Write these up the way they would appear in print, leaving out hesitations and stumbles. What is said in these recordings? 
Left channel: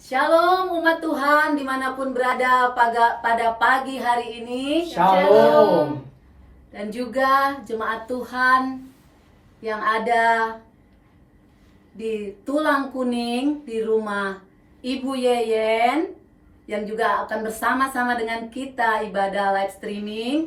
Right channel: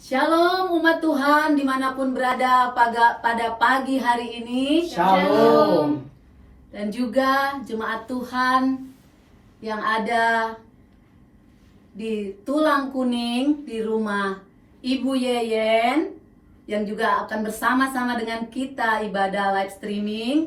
Shalom umat Tuhan dimanapun berada pada pagi hari ini. Shalom. Dan juga jemaat Tuhan yang ada di Tulang Kuning di rumah Ibu Yeyen, yang juga akan bersama-sama dengan kita ibadah live streaming,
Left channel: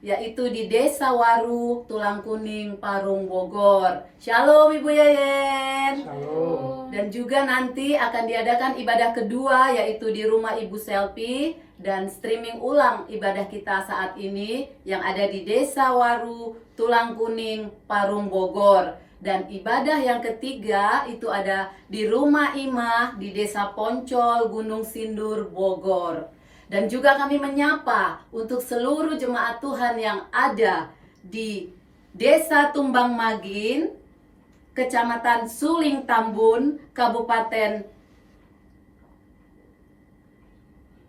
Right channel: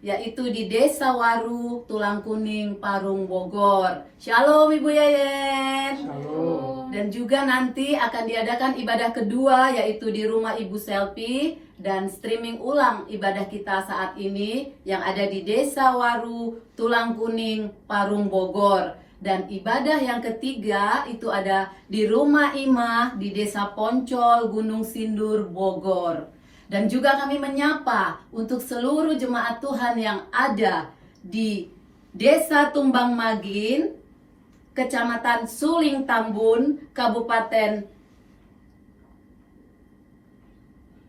yaitu di Desa Waru, Tulang Kuning, Parung, Bogor. Shalom Ibu Yeyen. Shalom. Dan juga nanti akan diadakan ibadah kedua, yaitu di rumah Ibu Selfie, dan streaming ulang ibadah kita saat ini yang ada di Desa Waru, Tulang Kuning, Parung, Bogor. Dan ibadah yang ketiga itu ada di rumah Imah di Desa Poncol, Gunung Sindur, Bogor. Dan juga kami menyapa untuk seluruh jemaat Tuhan yang ada di Desa Tumbang Magin, Kecamatan Suling Tambun, Kabupaten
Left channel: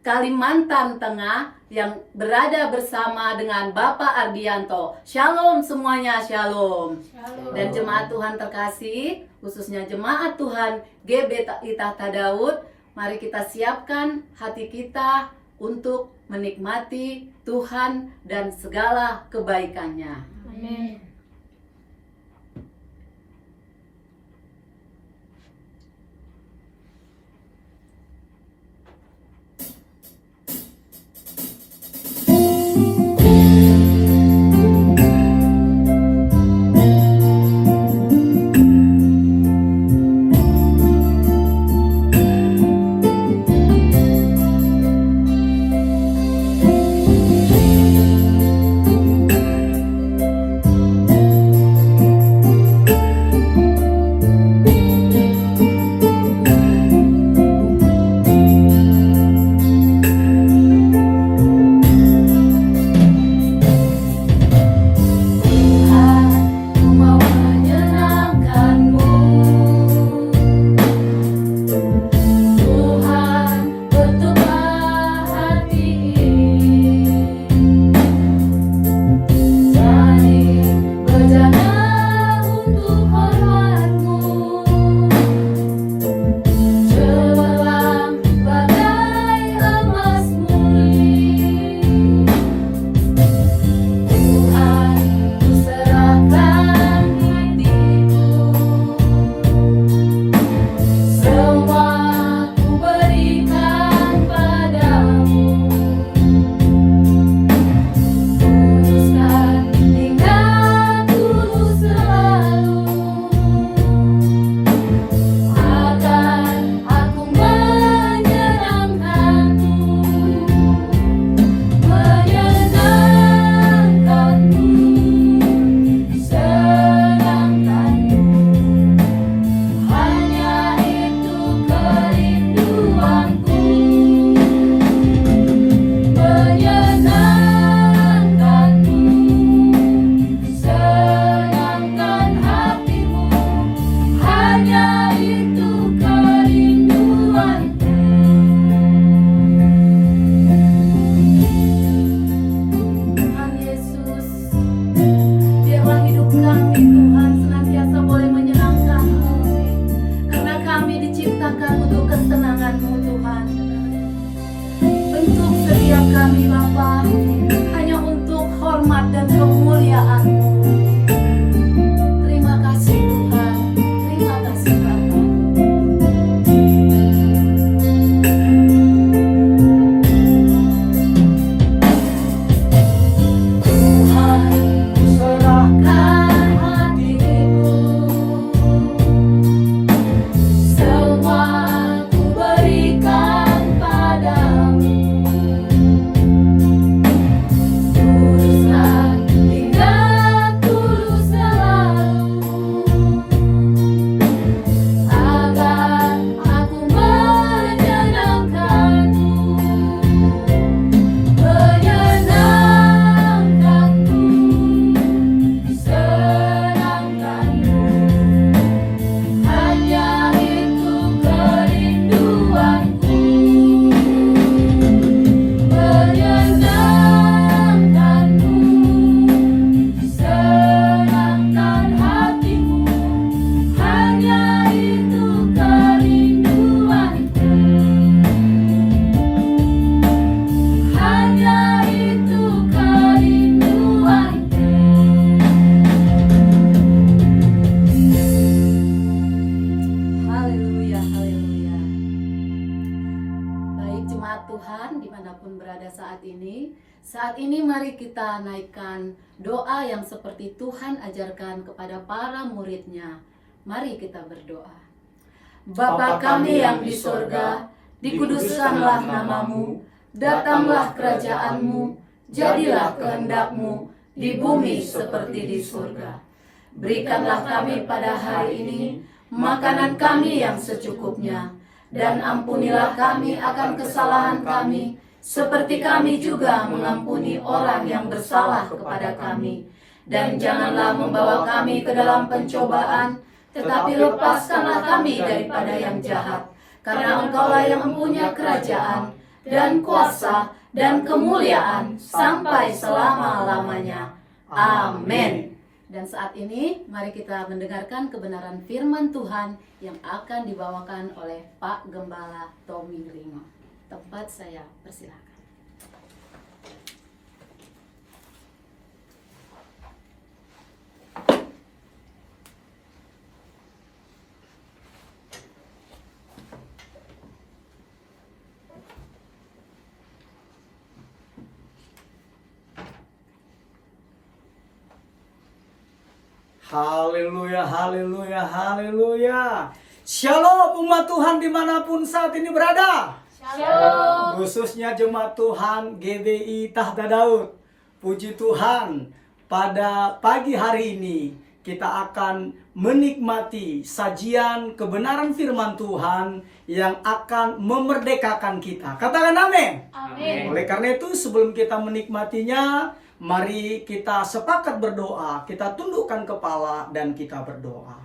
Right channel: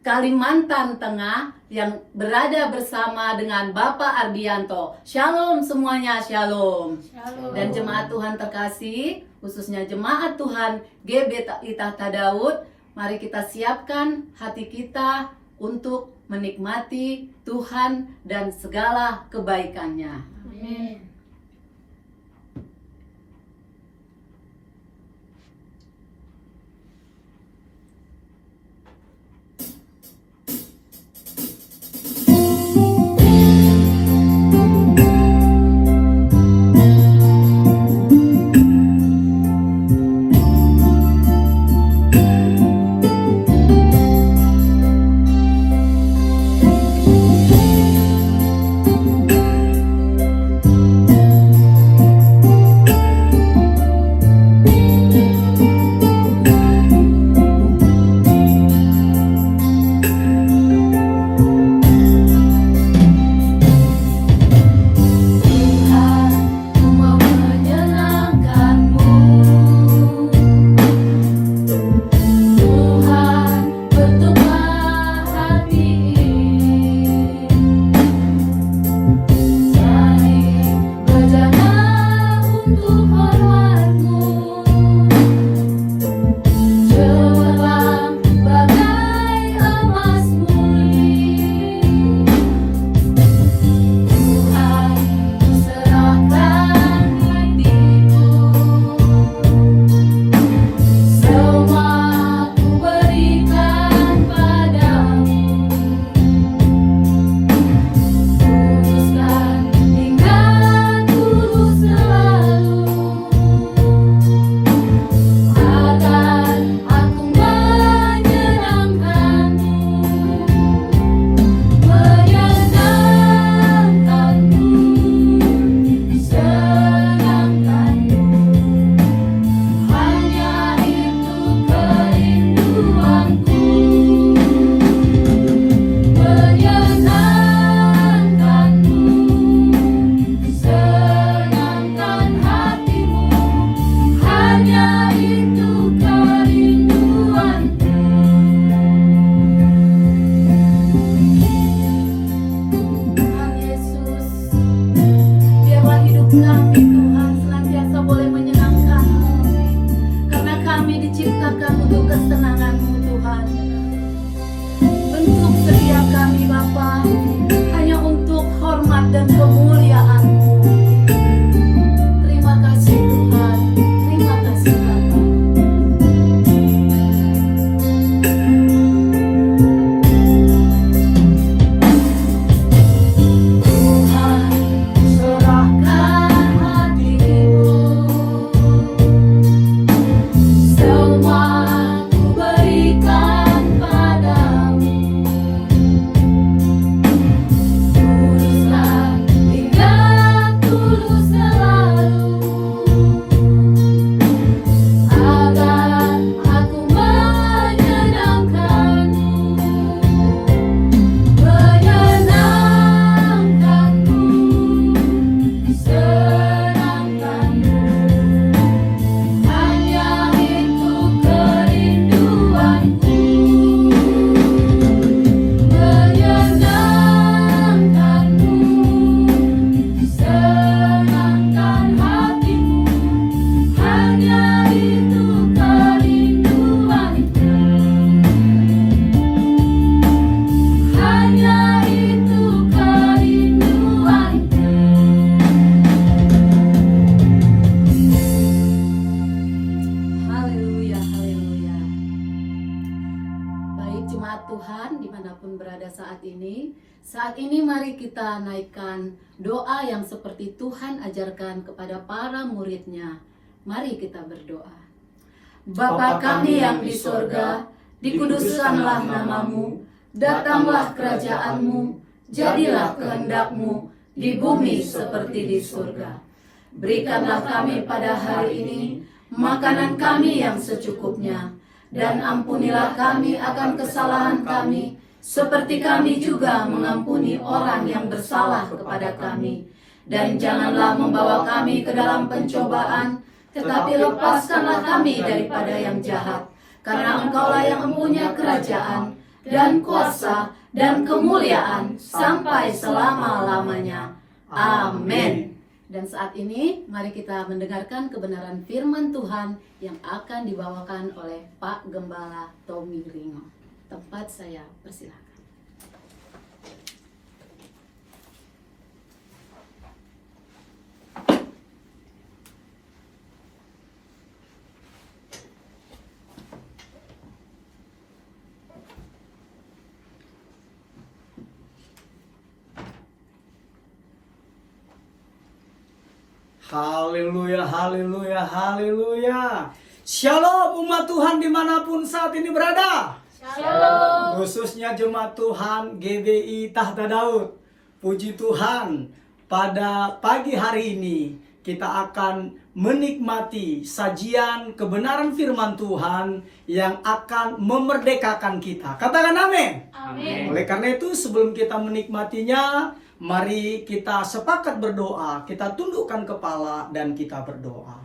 Kalimantan Tengah, yang berada bersama dengan Bapak Ardianto. Shalom semuanya, shalom. Shalom. Dan jemaat Tuhan terkasih, khususnya jemaat Tuhan GBI Tahta Daud, mari kita siapkan hati kita untuk menikmati Tuhan dan segala kebaikannya. Amin. Kami Tuhan senantiasa boleh menyenangkan-Mu, karena kami diciptakan untuk kesenangan-Mu Tuhan. Bentuk setiap kami Bapa hanya untuk hormat dan kemuliaan-Mu. Terima kasih Tuhan, terima kasih Bapa. Uruskan Tuhan dimanapun berada saat ini. Saat ini mari kita naikkan doa yang seperti Tuhan ajarkan kepada para muridnya. Mari kita berdoa. Bapa kami yang di surga, dikuduskanlah namamu, datanglah kerajaanmu, jadilah kehendak-Mu di bumi seperti di surga. Berikanlah kami pada hari ini makanan kami yang secukupnya, dan ampunilah kami akan kesalahan kami, seperti kami juga mengampuni orang yang bersalah kepada kami. Dan janganlah membawa kami ke dalam pencobaan, tetapi lepaskanlah kami daripada yang jahat. Karena Engkaulah yang mempunyai kerajaan, dan kuasa, dan kemuliaan, sampai selama-lamanya. Amin. Dan saat ini mari kita mendengarkan kebenaran firman Tuhan yang akan dibawakan oleh Pak Gembala Tommy Ringo. Tempat saya persilakan. Haleluya, haleluya, haleluya. Shalom umat Tuhan dimanapun saat ini berada. Shalom. Khususnya jemaat Tuhan GBI Tahta Daud. Puji Tuhan, pada pagi hari ini kita akan menikmati sajian kebenaran firman Tuhan yang akan memerdekakan kita. Katakan amin. Amin. Oleh karena itu sebelum kita menikmatinya, mari kita sepakat berdoa, kita tundukkan kepala dan kita berdoa.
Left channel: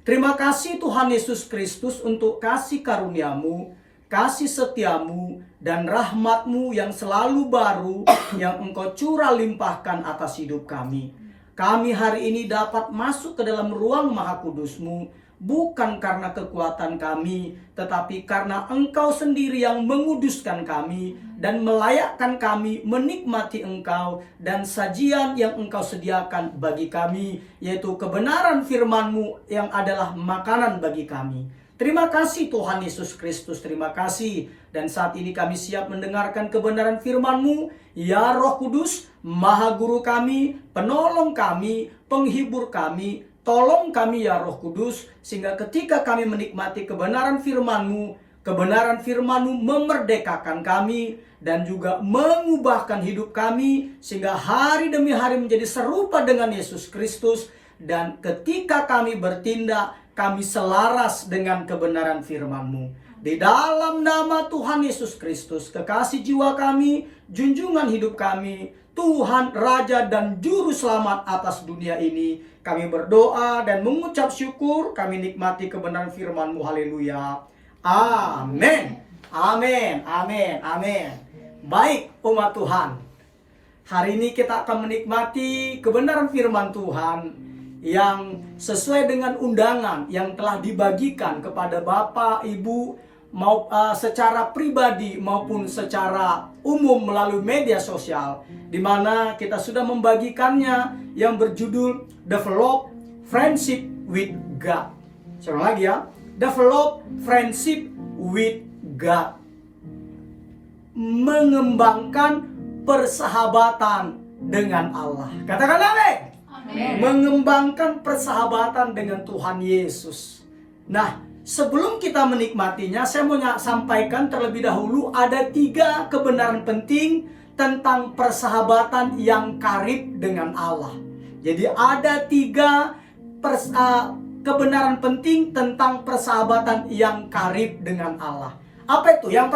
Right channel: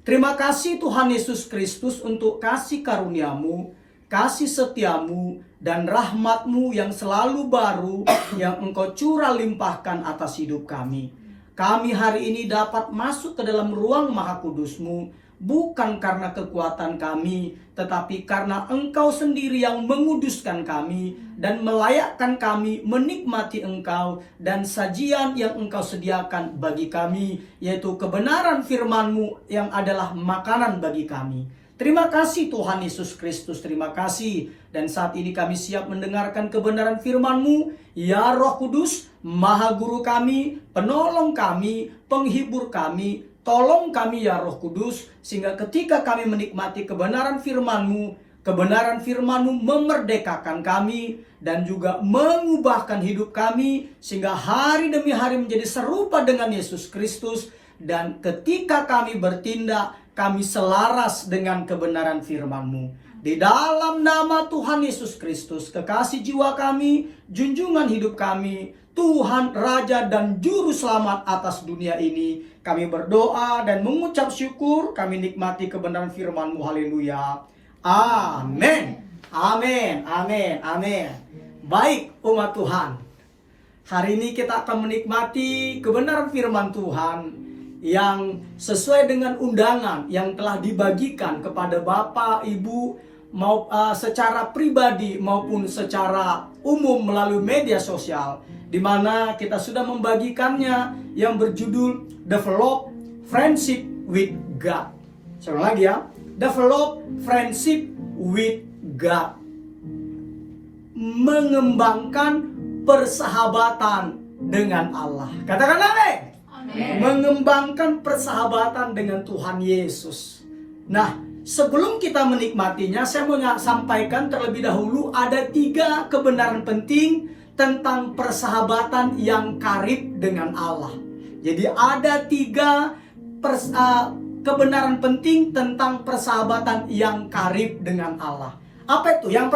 Terima kasih Tuhan Yesus Kristus untuk kasih karunia-Mu, kasih setia-Mu, dan rahmat-Mu yang selalu baru yang Engkau curah limpahkan atas hidup kami. Kami hari ini dapat masuk ke dalam ruang Maha Kudus-Mu, bukan karena kekuatan kami, tetapi karena Engkau sendiri yang menguduskan kami dan melayakkan kami menikmati Engkau dan sajian yang Engkau sediakan bagi kami, yaitu kebenaran firman-Mu yang adalah makanan bagi kami. Terima kasih Tuhan Yesus Kristus, terima kasih. Dan saat ini kami siap mendengarkan kebenaran firman-Mu, ya Roh Kudus, Maha Guru kami, penolong kami, penghibur kami. Tolong kami ya Roh Kudus, sehingga ketika kami menikmati kebenaran firman-Mu, kebenaran firman-Mu memerdekakan kami dan juga mengubahkan hidup kami, sehingga hari demi hari menjadi serupa dengan Yesus Kristus. Dan ketika kami bertindak, kami selaras dengan kebenaran firman-Mu. Di dalam nama Tuhan Yesus Kristus, kekasih jiwa kami, junjungan hidup kami, Tuhan, Raja dan Juru Selamat atas dunia ini, kami berdoa dan mengucap syukur, kami nikmati kebenaran firman-Mu. Haleluya. Amin. Amin. Amin. Amin. Baik umat Tuhan, hari ini kita akan menikmati kebenaran firman Tuhan yang sesuai dengan undangan yang telah dibagikan kepada Bapak, Ibu, secara pribadi maupun secara umum melalui media sosial, di mana kita sudah membagikannya yang berjudul Develop Friendship with God. Saya ulang lagi ya, Develop Friendship with God. Mengembangkan persahabatan dengan Allah. Katakan amin. Mengembangkan persahabatan dengan Tuhan Yesus. Nah, sebelum kita menikmatinya, saya mau sampaikan terlebih dahulu ada 3 kebenaran penting tentang persahabatan yang karib dengan Allah. Jadi ada 3 kebenaran penting tentang persahabatan yang karib dengan Allah. Apa itu? Yang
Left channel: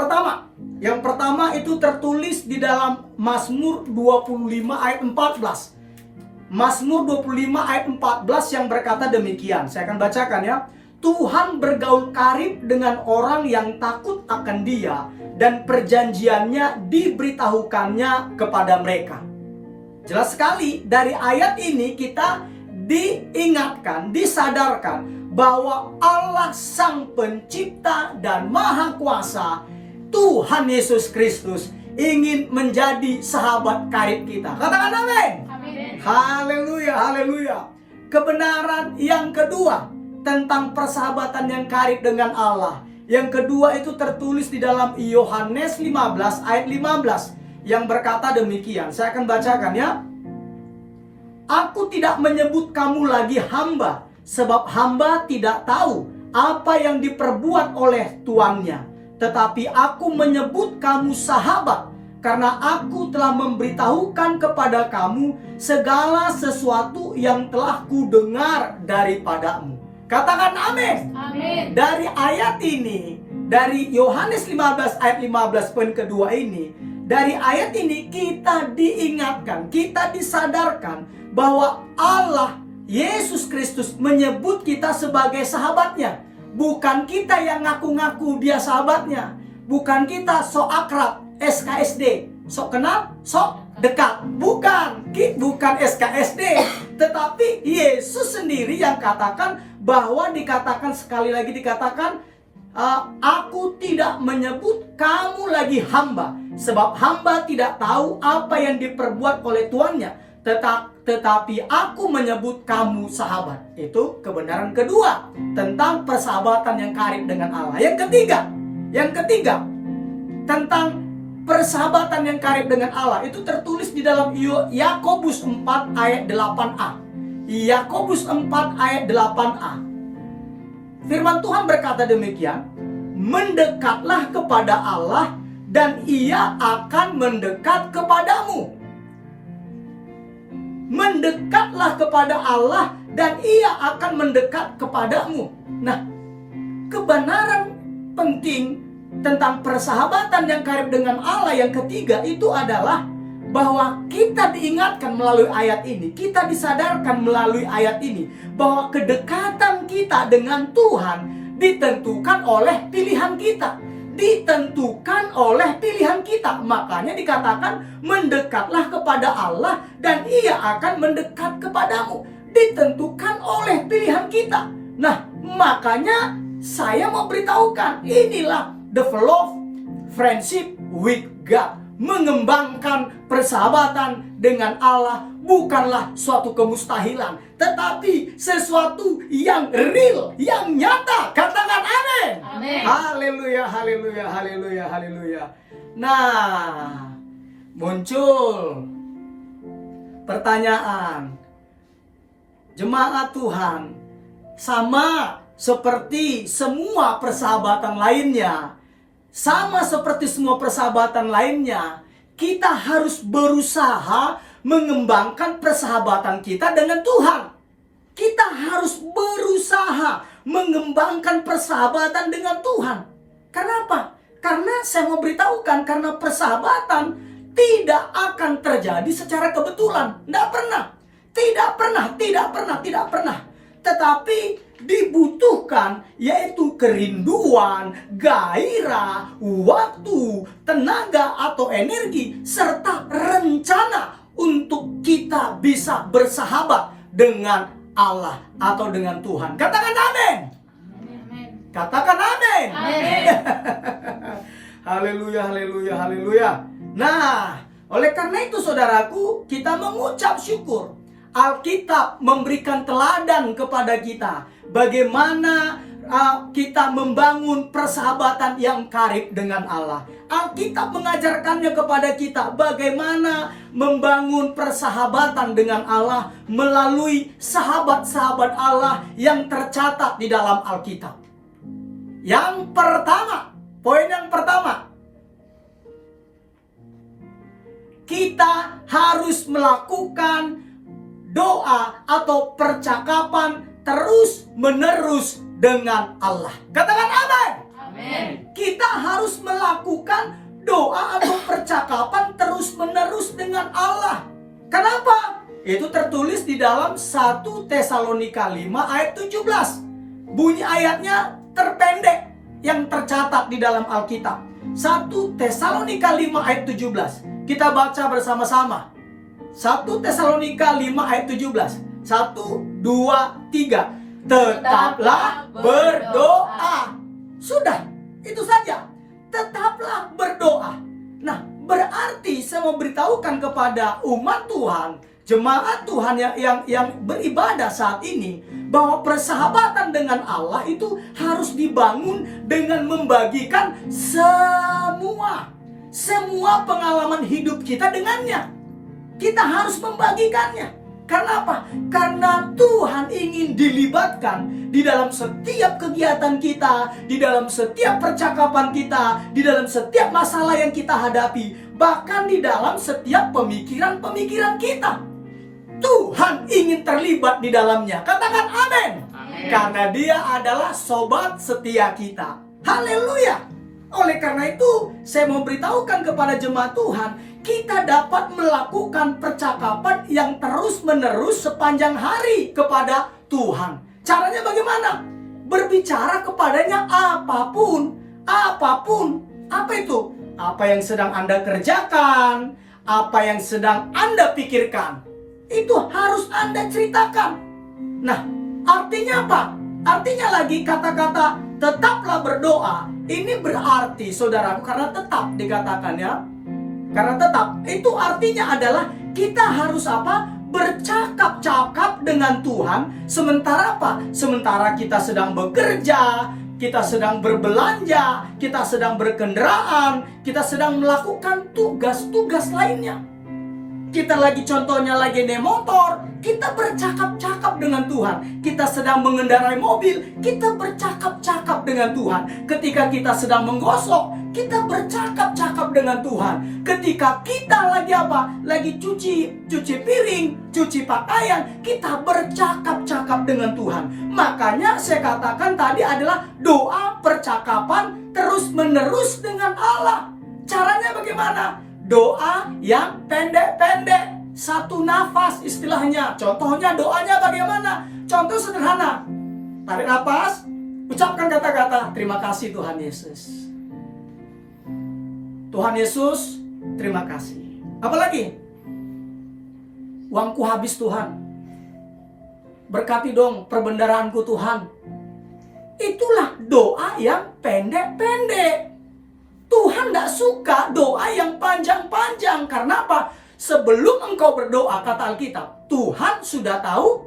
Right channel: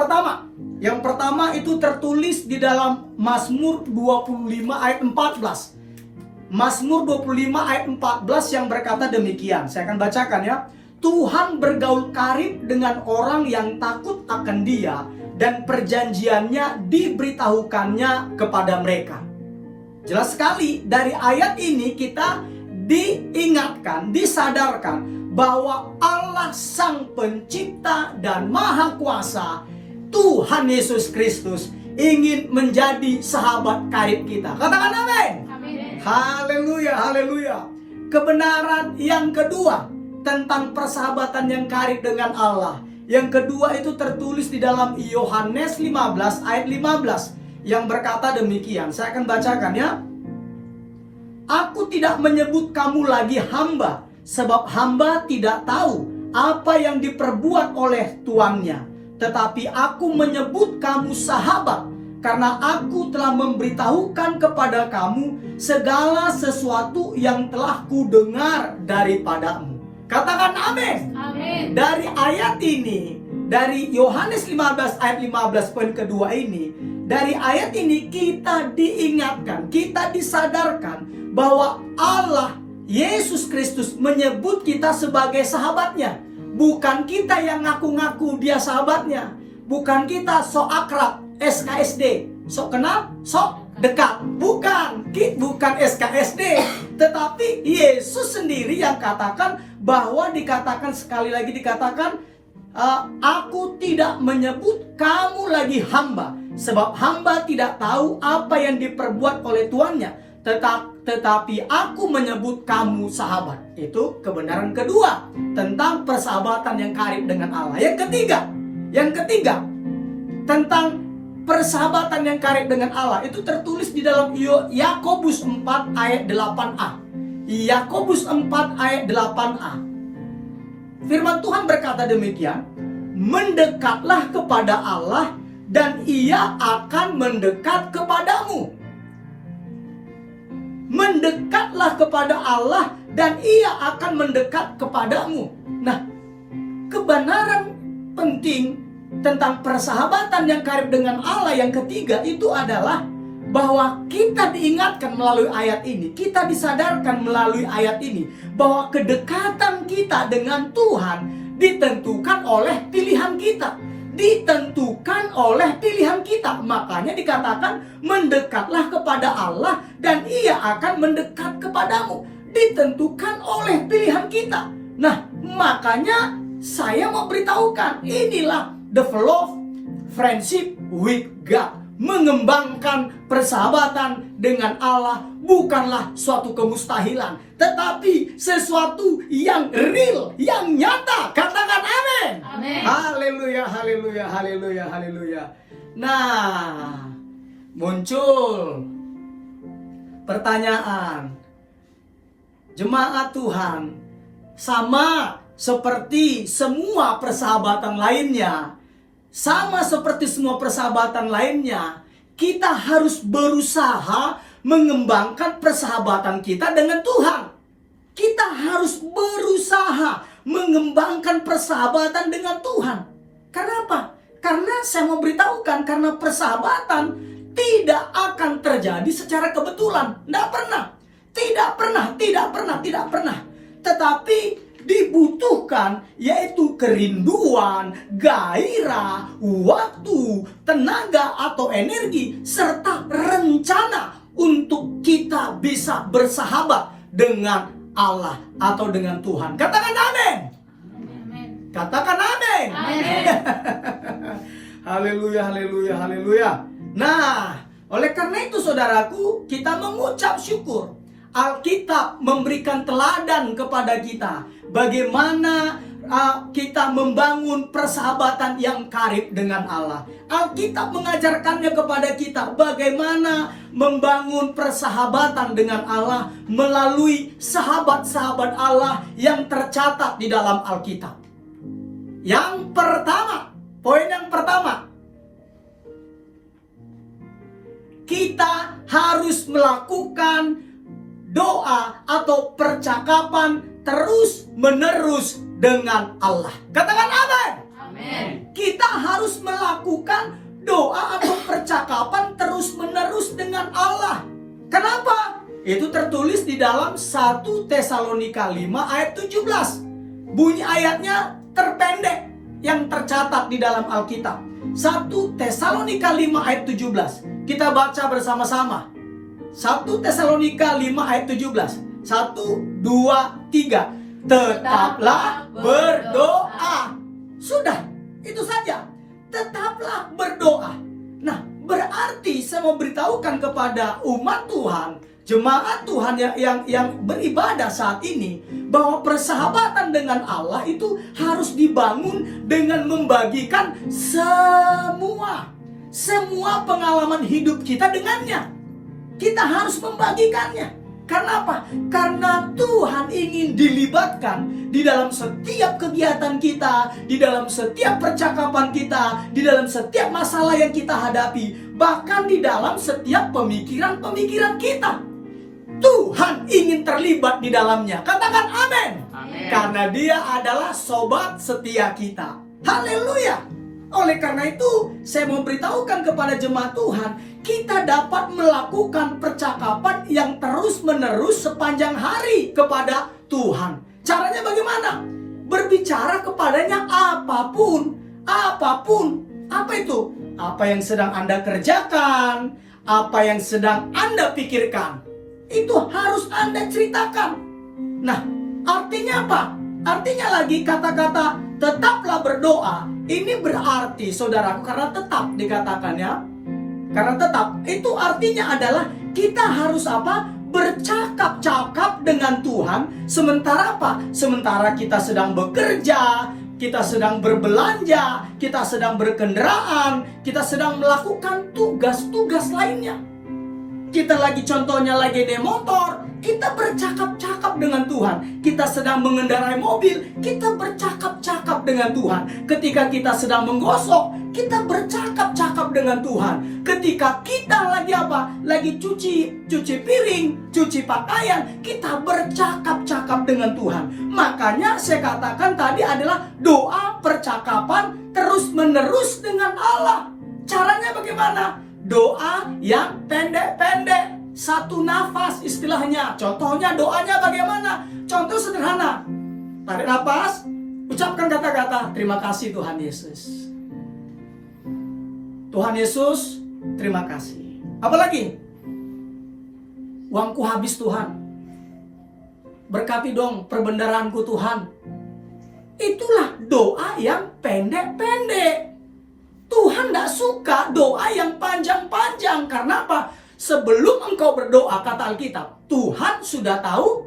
pertama itu tertulis di dalam Mazmur 25 ayat 14. Mazmur 25 ayat 14 yang berkata demikian. Saya akan bacakan ya. Tuhan bergaul karib dengan orang yang takut akan Dia, dan perjanjiannya diberitahukannya kepada mereka. Jelas sekali dari ayat ini kita diingatkan, disadarkan bahwa Allah Sang Pencipta dan Maha Kuasa, Tuhan Yesus Kristus, ingin menjadi sahabat karib kita. Katakan amin. Haleluya, haleluya. Kebenaran yang kedua tentang persahabatan yang karib dengan Allah, Yang kedua itu tertulis di dalam Yohanes 15 ayat 15 yang berkata demikian. Saya akan bacakan ya. Aku tidak menyebut kamu lagi hamba, sebab hamba tidak tahu apa yang diperbuat oleh tuannya. Tetapi aku menyebut kamu sahabat, karena aku telah memberitahukan kepada kamu segala sesuatu yang telah kudengar daripadamu. Katakan amin. Amin. Dari ayat ini, dari Yohanes 15 ayat 15 poin kedua ini, dari ayat ini kita diingatkan, kita disadarkan bahwa Allah Yesus Kristus menyebut kita sebagai sahabatnya. Bukan kita yang ngaku-ngaku dia sahabatnya. Bukan kita sok akrab, SKSD, sok kenal, sok dekat. Bukan SKSD. Tetapi Yesus sendiri yang katakan bahwa dikatakan sekali lagi dikatakan, aku tidak menyebut kamu lagi hamba, sebab hamba tidak tahu apa yang diperbuat oleh tuannya. Tetapi aku menyebut kamu sahabat. Itu kebenaran kedua tentang persahabatan yang karib dengan Allah. Yang ketiga tentang persahabatan yang karib dengan Allah itu tertulis di dalam Yakobus 4 ayat 8a. Yakobus 4 ayat 8a. Firman Tuhan berkata demikian, mendekatlah kepada Allah dan Ia akan mendekat kepadamu. Mendekatlah kepada Allah dan Ia akan mendekat kepadamu. Nah, kebenaran penting tentang persahabatan yang karib dengan Allah yang ketiga itu adalah bahwa kita diingatkan melalui ayat ini, kita disadarkan melalui ayat ini bahwa kedekatan kita dengan Tuhan ditentukan oleh pilihan kita. Ditentukan oleh pilihan kita. Makanya dikatakan mendekatlah kepada Allah dan Ia akan mendekat kepadamu. Ditentukan oleh pilihan kita. Nah, makanya saya mau beritahukan, inilah develop friendship with God. Mengembangkan persahabatan dengan Allah bukanlah suatu kemustahilan, tetapi sesuatu yang real, yang nyata. Katakan amin. Amin. Haleluya, haleluya, haleluya, haleluya. Nah, muncul pertanyaan, jemaat Tuhan, sama seperti semua persahabatan lainnya, sama seperti semua persahabatan lainnya, kita harus berusaha mengembangkan persahabatan kita dengan Tuhan. Kita harus berusaha mengembangkan persahabatan dengan Tuhan. Kenapa? Karena saya mau beritahukan, karena persahabatan tidak akan terjadi secara kebetulan. Tidak pernah. Tetapi dibutuhkan yaitu kerinduan, gairah, waktu, tenaga atau energi, serta rencana untuk kita bisa bersahabat dengan Allah atau dengan Tuhan. Katakan amin. Katakan amin. Haleluya, haleluya, haleluya. Nah, oleh karena itu saudaraku, kita mengucap syukur. Alkitab memberikan teladan kepada kita bagaimana kita membangun persahabatan yang karib dengan Allah. Alkitab mengajarkannya kepada kita bagaimana membangun persahabatan dengan Allah melalui sahabat-sahabat Allah yang tercatat di dalam Alkitab. Yang pertama, poin yang pertama, kita harus melakukan doa atau percakapan terus-menerus dengan Allah. Katakan amin. Amin. Kita harus melakukan doa atau percakapan terus-menerus dengan Allah. Kenapa? Itu tertulis di dalam 1 Tesalonika 5 ayat 17. Bunyi ayatnya terpendek yang tercatat di dalam Alkitab. 1 Tesalonika 5 ayat 17. Kita baca bersama-sama. 1 Tesalonika 5 ayat 17. 1, 2, 3. Tetaplah berdoa. Sudah, itu saja. Tetaplah berdoa. Nah, berarti saya mau beritahukan kepada umat Tuhan, jemaat Tuhan yang beribadah saat ini, bahwa persahabatan dengan Allah itu harus dibangun dengan membagikan semua pengalaman hidup kita dengannya. Kita harus membagikannya. Karena apa? Karena Tuhan ingin dilibatkan di dalam setiap kegiatan kita, di dalam setiap percakapan kita, di dalam setiap masalah yang kita hadapi, bahkan di dalam setiap pemikiran-pemikiran kita. Tuhan ingin terlibat di dalamnya. Katakan amin. Karena Dia adalah sobat setia kita. Haleluya. Oleh karena itu, saya memberitahukan kepada jemaat Tuhan, kita dapat melakukan percakapan yang terus-menerus sepanjang hari kepada Tuhan. Caranya bagaimana? Berbicara kepadanya apapun. Apa itu? Apa yang sedang Anda kerjakan, apa yang sedang Anda pikirkan, itu harus Anda ceritakan. Nah, artinya apa? Artinya lagi kata-kata tetaplah berdoa. Ini berarti, saudaraku, karena tetap dikatakan ya. Karena tetap, itu artinya adalah kita harus apa? Bercakap-cakap dengan Tuhan. Sementara apa? Sementara kita sedang bekerja, kita sedang berbelanja, kita sedang berkendaraan, kita sedang melakukan tugas-tugas lainnya. Kita contohnya lagi naik motor, kita bercakap-cakap dengan Tuhan. Kita sedang mengendarai mobil, kita bercakap-cakap dengan Tuhan. Ketika kita sedang menggosok, kita bercakap-cakap dengan Tuhan. Ketika kita lagi apa? Lagi cuci piring, cuci pakaian, kita bercakap-cakap dengan Tuhan. Makanya saya katakan tadi adalah doa percakapan terus-menerus dengan Allah. Caranya bagaimana? Doa yang pendek-pendek, satu nafas istilahnya. Contohnya doanya bagaimana? Contoh sederhana. Tarik nafas, ucapkan kata-kata, terima kasih Tuhan Yesus. Tuhan Yesus, terima kasih. Apalagi? Uangku habis Tuhan. Berkati dong perbendaraanku Tuhan. Itulah doa yang pendek-pendek. Tuhan tidak suka doa yang panjang-panjang. Karena apa? Sebelum engkau berdoa, kata Alkitab, Tuhan sudah tahu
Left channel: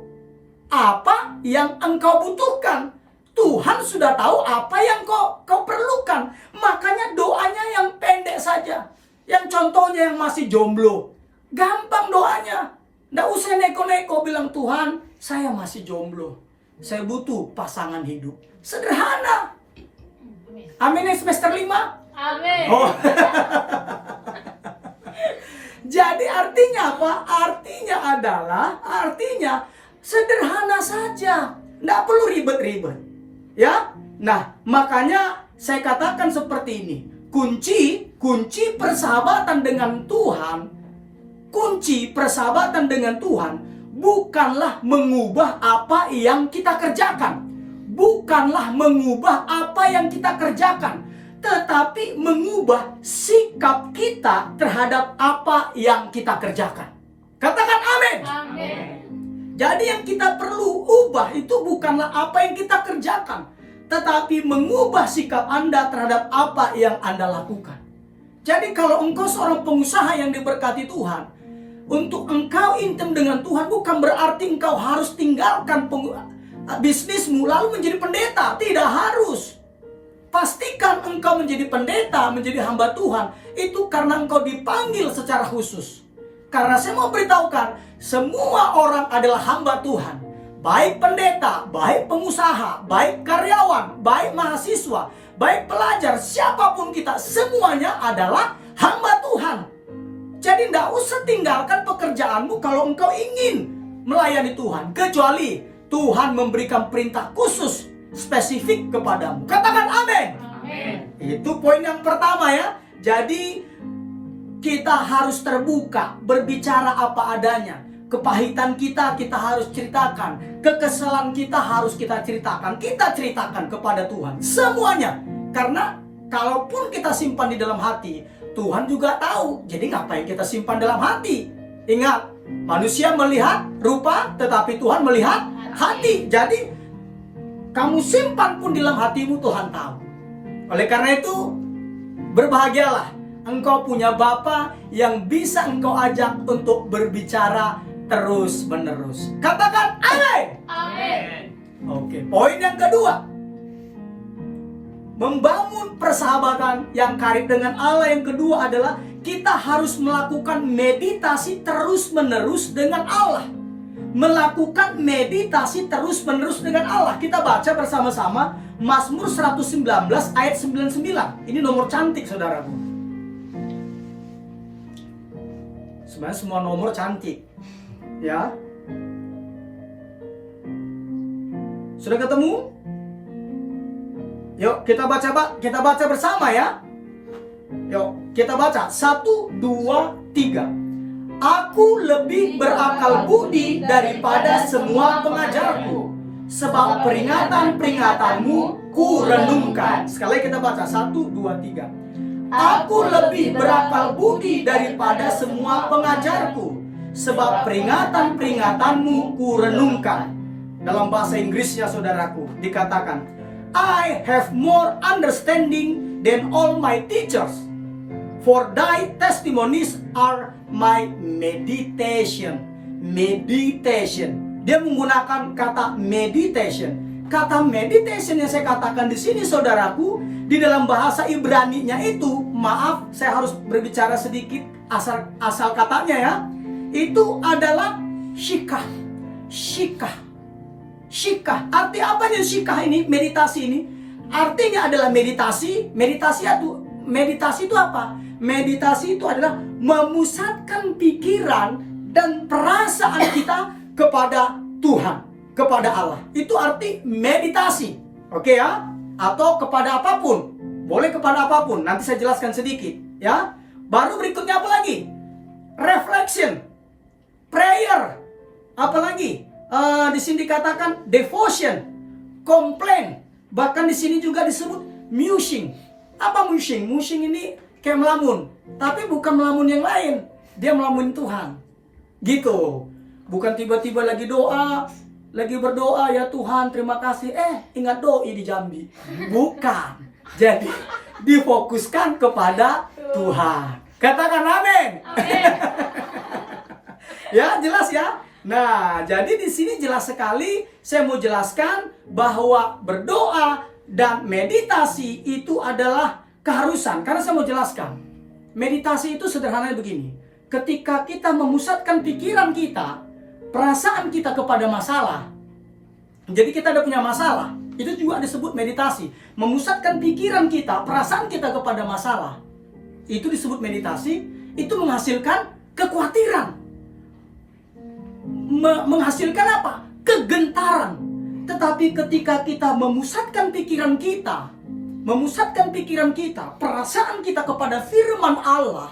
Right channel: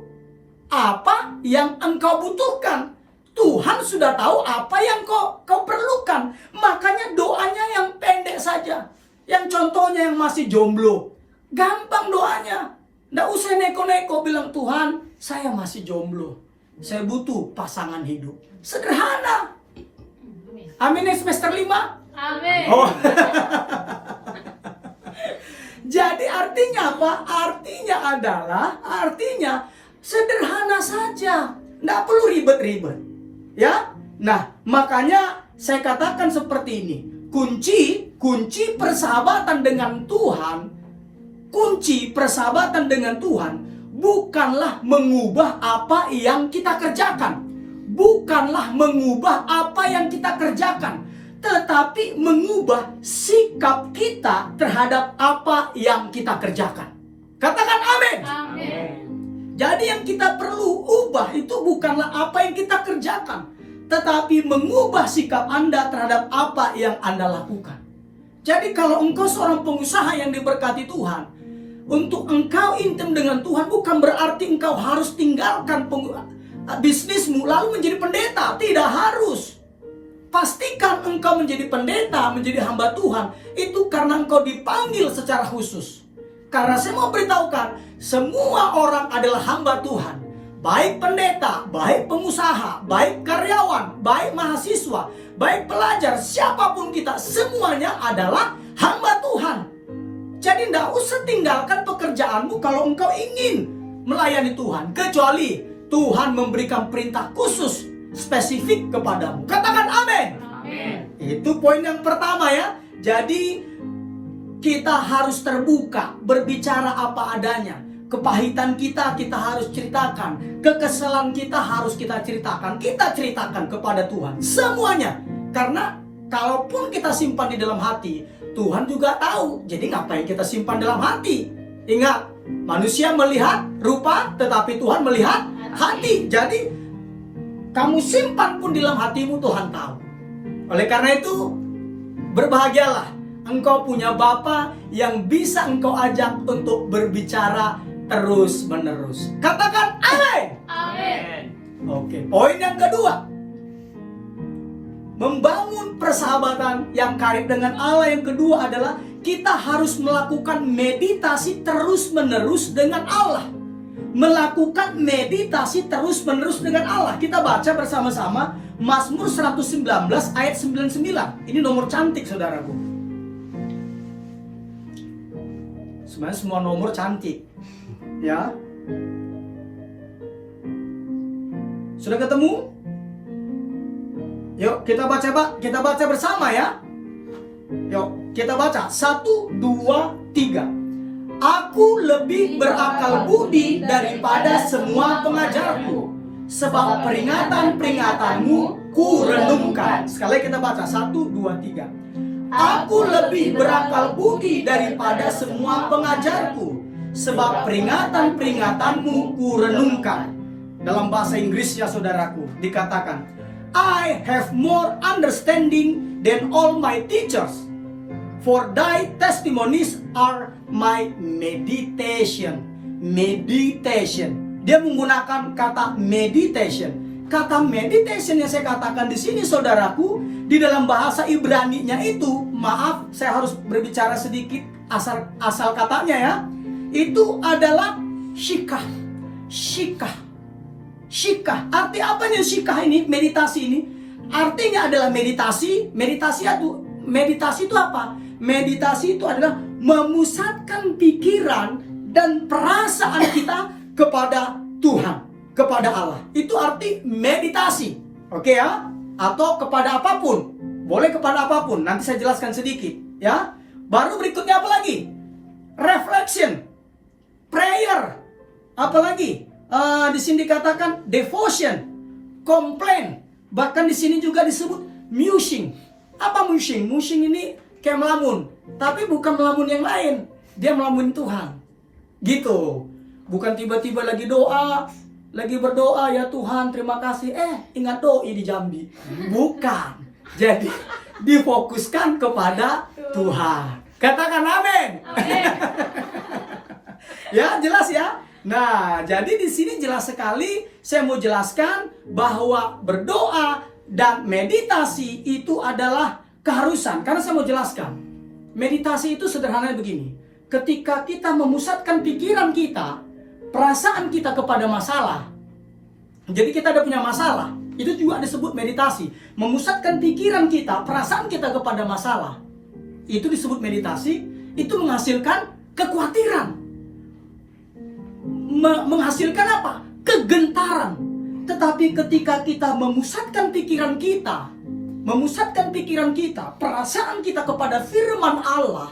apa yang engkau butuhkan. Tuhan sudah tahu apa yang kau perlukan. Makanya doanya yang pendek saja. Yang contohnya yang masih jomblo, gampang doanya. Tidak usah neko-neko bilang, Tuhan, saya masih jomblo, saya butuh pasangan hidup. Sederhana. Amin semester 5. Amin. Oh. Jadi artinya apa? Artinya sederhana saja. Tidak perlu ribet-ribet. Ya. Nah, makanya saya katakan seperti ini. Kunci persahabatan dengan Tuhan. Kunci persahabatan dengan Tuhan bukanlah mengubah apa yang kita kerjakan. Bukanlah mengubah apa yang kita kerjakan. Tetapi mengubah sikap kita terhadap apa yang kita kerjakan. Katakan amin. Amin. Jadi yang kita perlu ubah itu bukanlah apa yang kita kerjakan, tetapi mengubah sikap Anda terhadap apa yang Anda lakukan. Jadi kalau engkau seorang pengusaha yang diberkati Tuhan, untuk engkau intim dengan Tuhan bukan berarti engkau harus tinggalkan bisnismu lalu menjadi pendeta. Tidak harus. Pastikan engkau menjadi pendeta, menjadi hamba Tuhan, itu karena engkau dipanggil secara khusus. Karena saya mau beritahukan, semua orang adalah hamba Tuhan. Baik pendeta, baik pengusaha, baik karyawan, baik mahasiswa, baik pelajar, siapapun kita, semuanya adalah hamba Tuhan. Jadi tidak usah tinggalkan pekerjaanmu kalau engkau ingin melayani Tuhan. Kecuali Tuhan memberikan perintah khusus spesifik kepadamu. Katakan amin. Amin. Itu poin yang pertama ya. Jadi kita harus terbuka, berbicara apa adanya. Kepahitan kita harus ceritakan. Kekesalan kita harus kita ceritakan. Kita ceritakan kepada Tuhan semuanya. Karena kalaupun kita simpan di dalam hati, Tuhan juga tahu. Jadi ngapain kita simpan dalam hati? Ingat, manusia melihat rupa, tetapi Tuhan melihat hati. Jadi kamu simpan pun di dalam hatimu, Tuhan tahu. Oleh karena itu, berbahagialah engkau punya Bapa yang bisa engkau ajak untuk berbicara terus-menerus. Katakan amin. Amin. Oke, poin yang kedua. Membangun persahabatan yang karib dengan Allah yang kedua adalah kita harus melakukan meditasi terus-menerus dengan Allah. Melakukan meditasi terus-menerus dengan Allah. Kita baca bersama-sama Mazmur 119 ayat 99. Ini nomor cantik, saudaraku. Sebenarnya semua nomor cantik. Ya. Sudah ketemu? Yuk kita baca, Pak. Kita baca bersama ya. Yuk kita baca. 1, 2, 3. Aku lebih berakal budi daripada semua pengajarku, sebab peringatan-peringatanmu ku renungkan. Sekali kita baca. 1, 2, 3. Aku lebih berakal budi daripada semua pengajarku, sebab peringatan-peringatanmu ku renungkan. Dalam bahasa Inggrisnya, saudaraku, dikatakan, I have more understanding than all my teachers, for thy testimonies are my meditation. Meditation. Dia menggunakan kata meditation. Kata meditation yang saya katakan di sini, saudaraku, di dalam bahasa Ibrani-nya itu, maaf, saya harus berbicara sedikit asal katanya ya. Itu adalah shikah. Shikah. Shikah, arti apanya shikah ini, meditasi ini? Artinya adalah meditasi. Meditasi itu apa? Meditasi itu adalah memusatkan pikiran dan perasaan kita kepada Tuhan, kepada Allah. Itu arti meditasi. Oke ya? Atau kepada apapun. Boleh kepada apapun. Nanti saya jelaskan sedikit ya. Baru berikutnya apa lagi? Reflection, prayer, apa lagi? Di sini dikatakan devotion, complain, bahkan di sini juga disebut musing. Apa musing? Musing ini kayak melamun, tapi bukan melamun yang lain. Dia melamun Tuhan, gitu. Bukan tiba-tiba lagi berdoa, ya Tuhan terima kasih. Ingat doi di Jambi. Bukan. Jadi difokuskan kepada Tuhan. Katakan amin. Ya jelas ya. Nah, jadi di sini jelas sekali saya mau jelaskan bahwa berdoa dan meditasi itu adalah keharusan. Karena saya mau jelaskan, meditasi itu sederhananya begini. Ketika kita memusatkan pikiran kita, perasaan kita kepada masalah. Jadi kita ada punya masalah, itu juga disebut meditasi. Memusatkan pikiran kita, perasaan kita kepada masalah. Itu disebut meditasi, itu menghasilkan kekhawatiran. Menghasilkan apa? Kegentaran. Tetapi ketika kita memusatkan pikiran kita, perasaan kita kepada firman Allah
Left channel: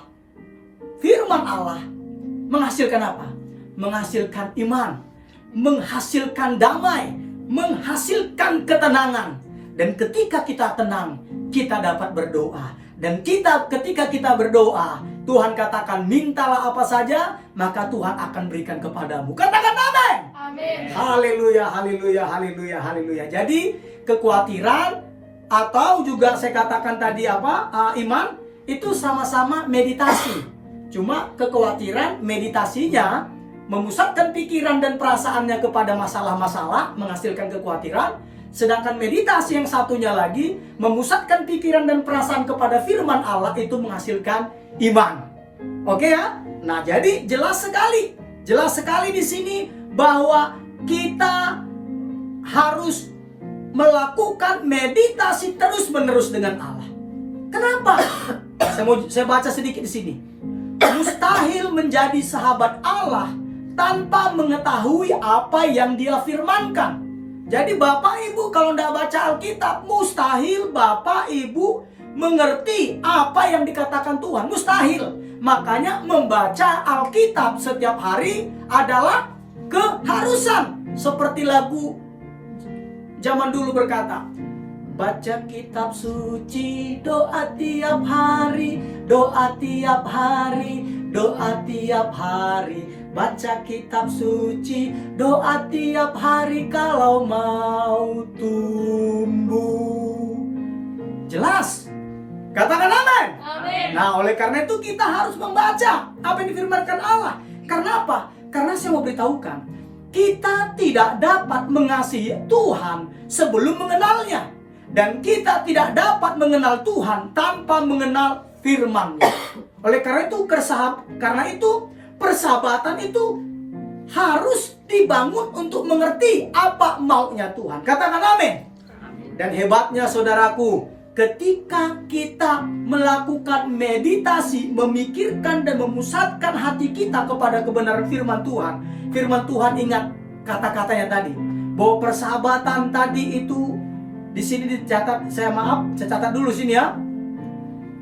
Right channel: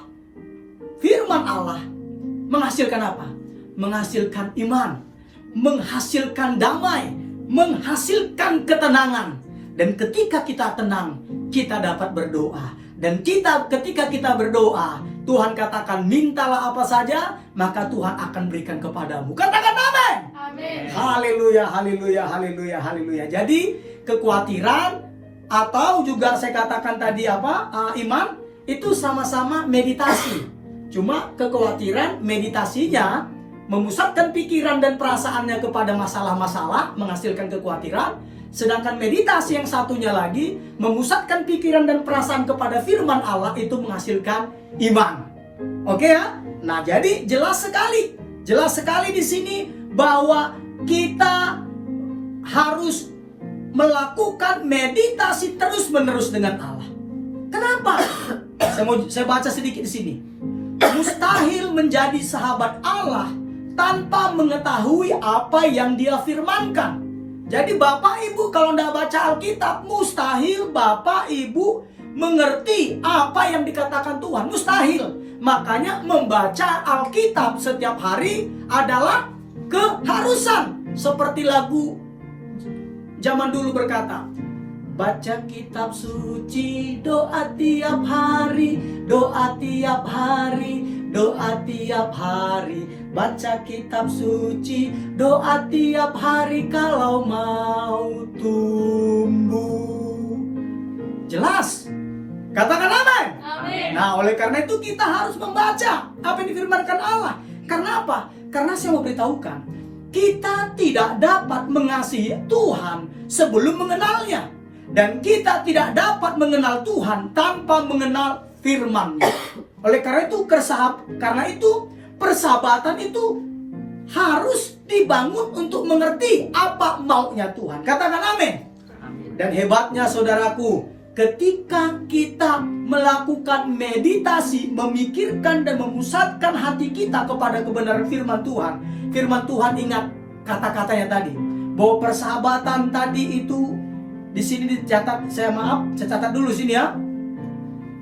menghasilkan apa? Menghasilkan iman, menghasilkan damai, menghasilkan ketenangan. Dan ketika kita tenang, kita dapat berdoa. Dan ketika kita berdoa, Tuhan katakan, mintalah apa saja, maka Tuhan akan berikan kepadamu. Katakan amin. Amin. Haleluya, haleluya, haleluya, haleluya. Jadi kekhawatiran atau juga saya katakan tadi iman, itu sama-sama meditasi. Cuma kekhawatiran meditasinya memusatkan pikiran dan perasaannya kepada masalah-masalah, menghasilkan kekhawatiran. Sedangkan meditasi yang satunya lagi memusatkan pikiran dan perasaan kepada firman Allah, itu menghasilkan iman. Oke ya? Nah, jadi jelas sekali di sini bahwa kita harus melakukan meditasi terus-menerus dengan Allah. Kenapa? Saya baca sedikit di sini. Mustahil menjadi sahabat Allah tanpa mengetahui apa yang Dia firmankan. Jadi Bapak Ibu kalau tidak baca Alkitab, mustahil Bapak Ibu mengerti apa yang dikatakan Tuhan. Mustahil. Makanya membaca Alkitab setiap hari adalah keharusan. Seperti lagu zaman dulu berkata, baca kitab suci, doa tiap hari, doa tiap hari, doa tiap hari. Baca kitab suci, doa tiap hari kalau mau tumbuh. Jelas? Katakan amin. Amin. Nah, oleh karena itu kita harus membaca apa yang difirmankan Allah. Karena apa? Karena saya mau beritahukan, kita tidak dapat mengasihi Tuhan sebelum mengenalnya. Dan kita tidak dapat mengenal Tuhan tanpa mengenal firman-Nya. Oleh karena itu, persahabatan itu harus dibangun untuk mengerti apa maunya Tuhan. Katakan amin. Dan hebatnya saudaraku, ketika kita melakukan meditasi, memikirkan dan memusatkan hati kita kepada kebenaran firman Tuhan ingat kata-katanya tadi, bahwa persahabatan tadi itu di sini dicatat, saya catat dulu sini ya.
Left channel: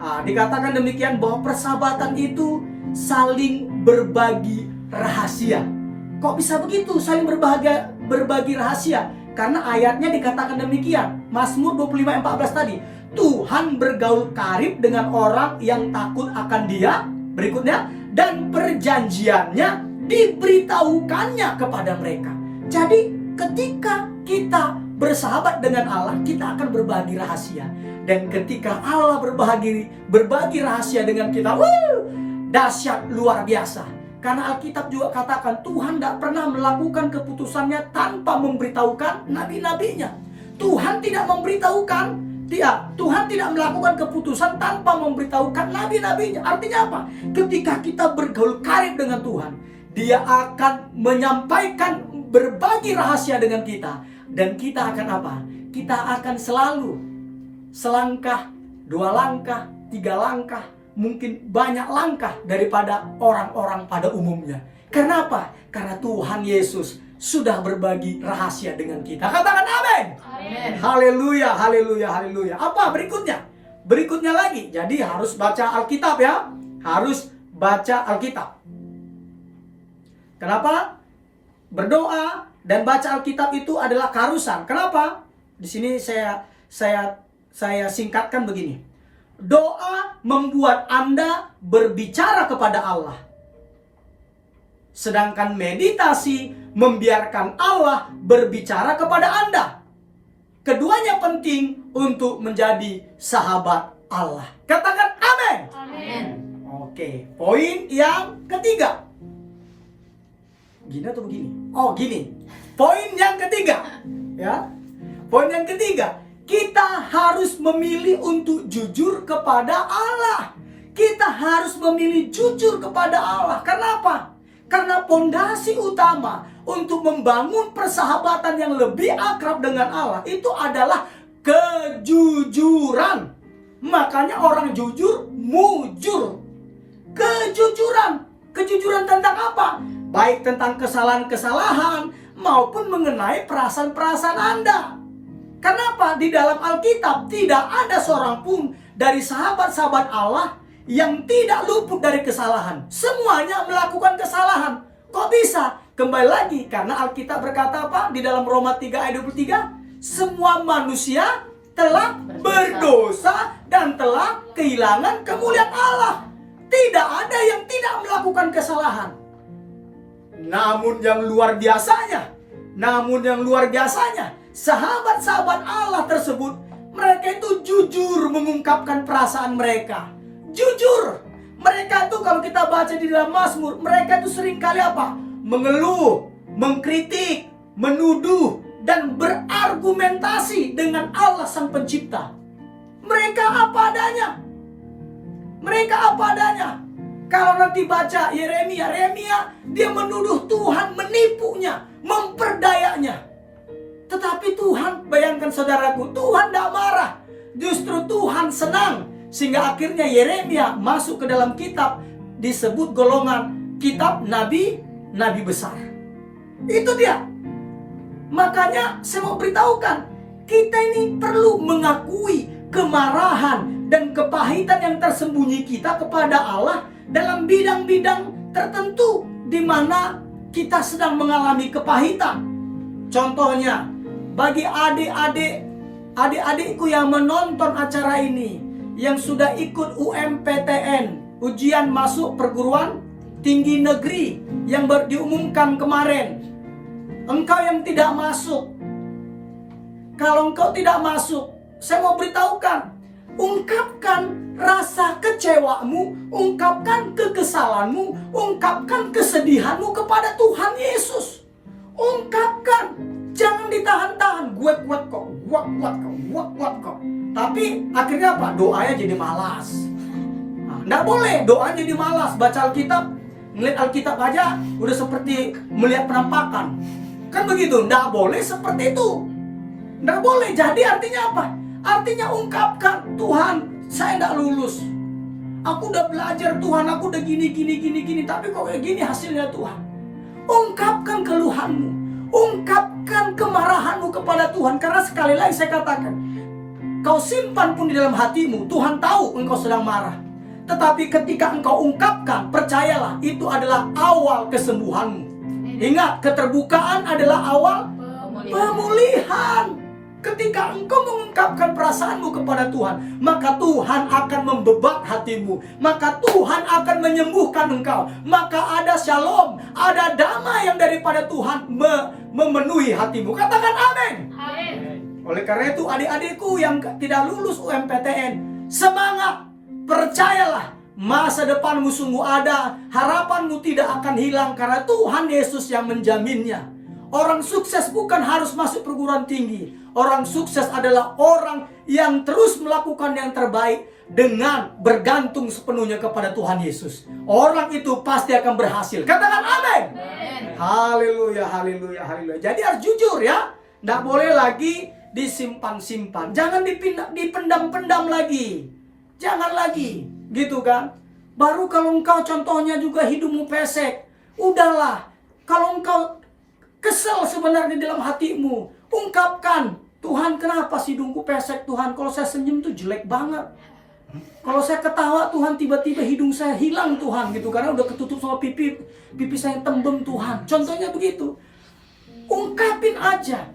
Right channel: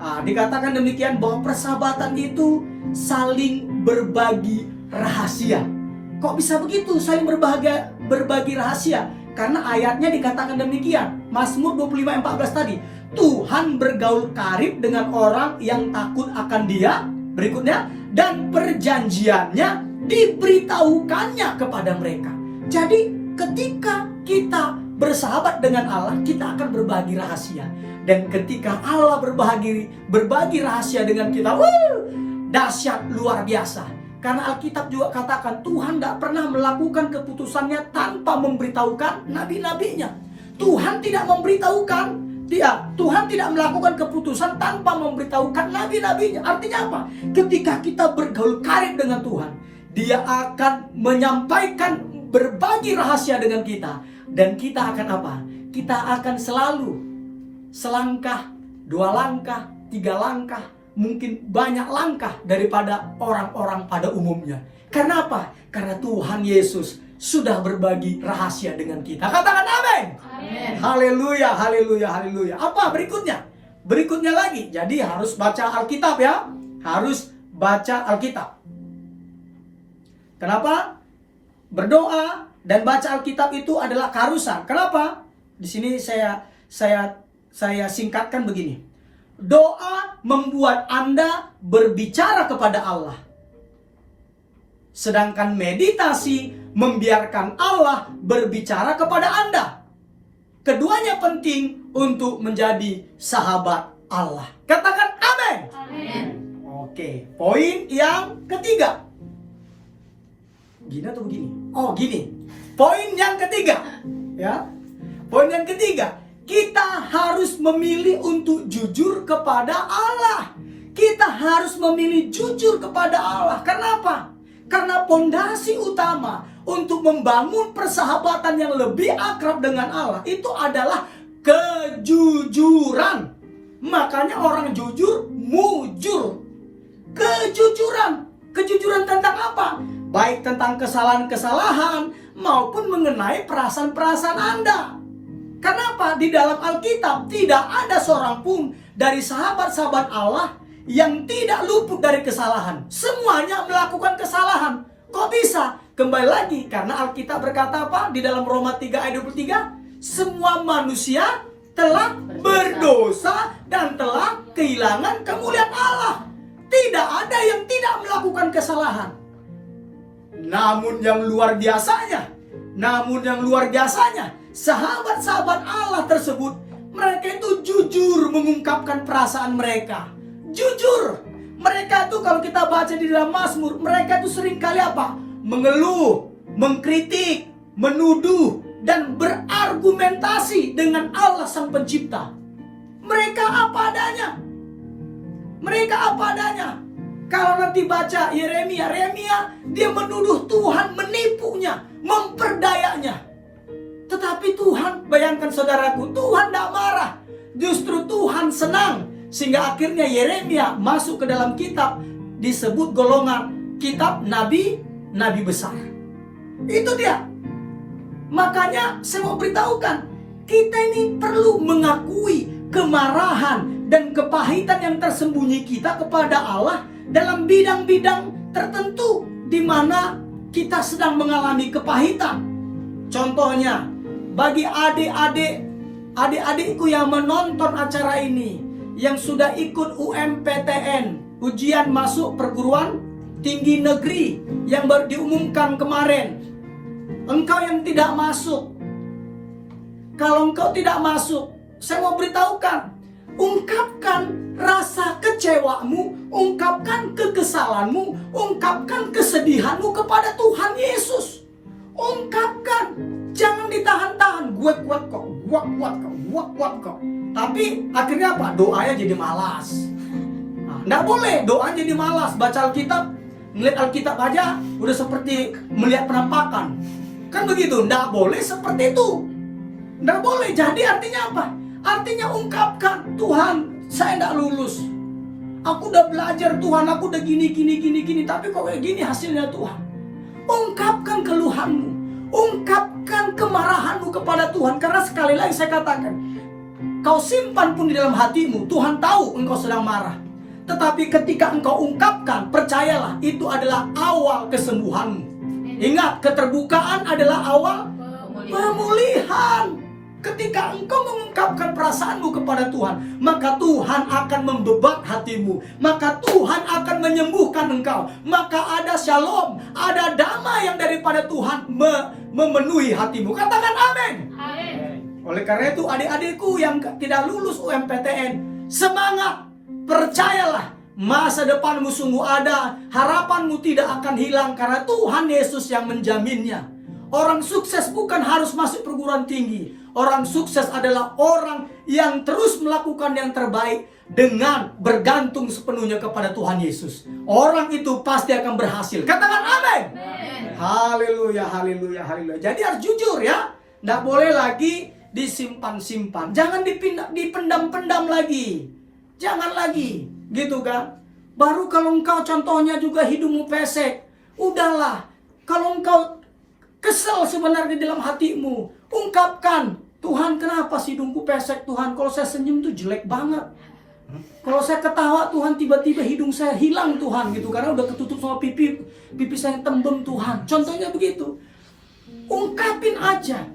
Dikatakan demikian bahwa persahabatan itu saling berbagi rahasia. Kok bisa begitu saling berbagi rahasia? Karena ayatnya dikatakan demikian. Mazmur 25:14 tadi. Tuhan bergaul karib dengan orang yang takut akan Dia. Berikutnya, dan perjanjiannya diberitahukannya kepada mereka. Jadi ketika kita bersahabat dengan Allah, kita akan berbagi rahasia. Dan ketika Allah berbagi rahasia dengan kita, dahsyat luar biasa. Karena Alkitab juga katakan Tuhan tidak pernah melakukan keputusannya tanpa memberitahukan nabi-nabinya. Tuhan tidak melakukan keputusan tanpa memberitahukan nabi-nabinya. Artinya apa? Ketika kita bergaul karib dengan Tuhan, Dia akan menyampaikan berbagi rahasia dengan kita. Dan kita akan apa? Kita akan selalu selangkah, 2 langkah, 3 langkah, mungkin banyak langkah daripada orang-orang pada umumnya. Kenapa? Karena Tuhan Yesus sudah berbagi rahasia dengan kita. Katakan amin. Haleluya, haleluya, haleluya. Apa berikutnya? Berikutnya lagi. Jadi harus baca Alkitab ya. Harus baca Alkitab. Kenapa? Berdoa dan baca Alkitab itu adalah keharusan. Kenapa? Di sini saya singkatkan begini. Doa membuat Anda berbicara kepada Allah. Sedangkan meditasi membiarkan Allah berbicara kepada Anda. Keduanya penting untuk menjadi sahabat Allah. Katakan amin. Amin. Oke, poin yang ketiga. Gini atau begini? Oh, gini. Poin yang ketiga. Ya. Poin yang ketiga, kita harus memilih untuk jujur kepada Allah. Kita harus memilih jujur kepada Allah. Kenapa? Karena pondasi utama untuk membangun persahabatan yang lebih akrab dengan Allah itu adalah kejujuran. Makanya orang jujur, mujur. Kejujuran. Kejujuran tentang apa? Baik tentang kesalahan-kesalahan maupun mengenai perasaan-perasaan Anda. Kenapa? Di dalam Alkitab tidak ada seorang pun dari sahabat-sahabat Allah yang tidak luput dari kesalahan. Semuanya melakukan kesalahan. Kok bisa? Kembali lagi, karena Alkitab berkata apa? Di dalam Roma 3 ayat 23, semua manusia telah berdosa dan telah kehilangan kemuliaan Allah. Tidak ada yang tidak melakukan kesalahan. Namun yang luar biasanya, sahabat-sahabat Allah tersebut, mereka itu jujur mengungkapkan perasaan mereka. Jujur. Mereka itu kalau kita baca di dalam Mazmur, mereka itu seringkali apa? Mengeluh, mengkritik, menuduh, dan berargumentasi dengan Allah Sang Pencipta. Mereka apa adanya. Kalau nanti baca Yeremia, dia menuduh Tuhan menipunya, memperdayanya. Tetapi Tuhan, bayangkan saudaraku, Tuhan tidak marah. Justru Tuhan senang. Sehingga akhirnya Yeremia masuk ke dalam kitab, disebut golongan kitab nabi besar. Itu dia. Makanya saya mau beritahukan, kita ini perlu mengakui kemarahan dan kepahitan yang tersembunyi kita kepada Allah dalam bidang-bidang tertentu di mana kita sedang mengalami kepahitan. Contohnya, bagi adik-adikku yang menonton acara ini, yang sudah ikut UMPTN, ujian masuk perguruan tinggi negeri yang baru diumumkan kemarin. Engkau yang tidak masuk, kalau engkau tidak masuk, saya mau beritahukan, ungkapkan rasa kecewamu, ungkapkan kekesalanmu, ungkapkan kesedihanmu kepada Tuhan Yesus. Ungkapkan. Jangan ditahan-tahan. Gue kuat kok, gue kuat kok, gue kuat kok. Tapi akhirnya apa? Doanya jadi malas. Nggak boleh, doa jadi malas. Baca Alkitab, ngeliat Alkitab aja udah seperti melihat penampakan. Kan begitu, nggak boleh seperti itu. Nggak boleh, jadi artinya apa? Artinya ungkapkan, Tuhan, saya nggak lulus. Aku udah belajar Tuhan, aku udah gini, tapi kok kayak gini hasilnya Tuhan. Ungkapkan keluhanmu, ungkapkan kemarahanmu kepada Tuhan. Karena sekali lagi saya katakan, kau simpan pun di dalam hatimu, Tuhan tahu engkau sedang marah. Tetapi ketika engkau ungkapkan, percayalah, itu adalah awal kesembuhanmu. Ingat, keterbukaan adalah awal pemulihan. Ketika engkau mengungkapkan perasaanmu kepada Tuhan, maka Tuhan akan membebat hatimu, maka Tuhan akan menyembuhkan engkau, maka ada shalom, ada damai yang daripada Tuhan memenuhi hatimu. Katakan amin. Oleh karena itu, adik-adikku yang tidak lulus UMPTN, semangat, percayalah, masa depanmu sungguh ada, harapanmu tidak akan hilang karena Tuhan Yesus yang menjaminnya. Orang sukses bukan harus masuk perguruan tinggi. Orang sukses adalah orang yang terus melakukan yang terbaik dengan bergantung sepenuhnya kepada Tuhan Yesus. Orang itu pasti akan berhasil. Katakan amin. Haleluya, haleluya, haleluya. Jadi harus jujur ya. Nggak boleh lagi disimpan-simpan. Jangan dipendam-pendam lagi. Jangan lagi, gitu kan? Baru kalau engkau contohnya juga hidupmu pesek, udahlah. Kalau engkau kesel sebenarnya dalam hatimu, ungkapkan, Tuhan, kenapa sih hidungku pesek Tuhan? Kalau saya senyum tuh jelek banget. Kalau saya ketawa Tuhan, tiba-tiba hidung saya hilang Tuhan, gitu. Karena udah ketutup sama pipi saya tembem Tuhan. Contohnya begitu. Ungkapin aja.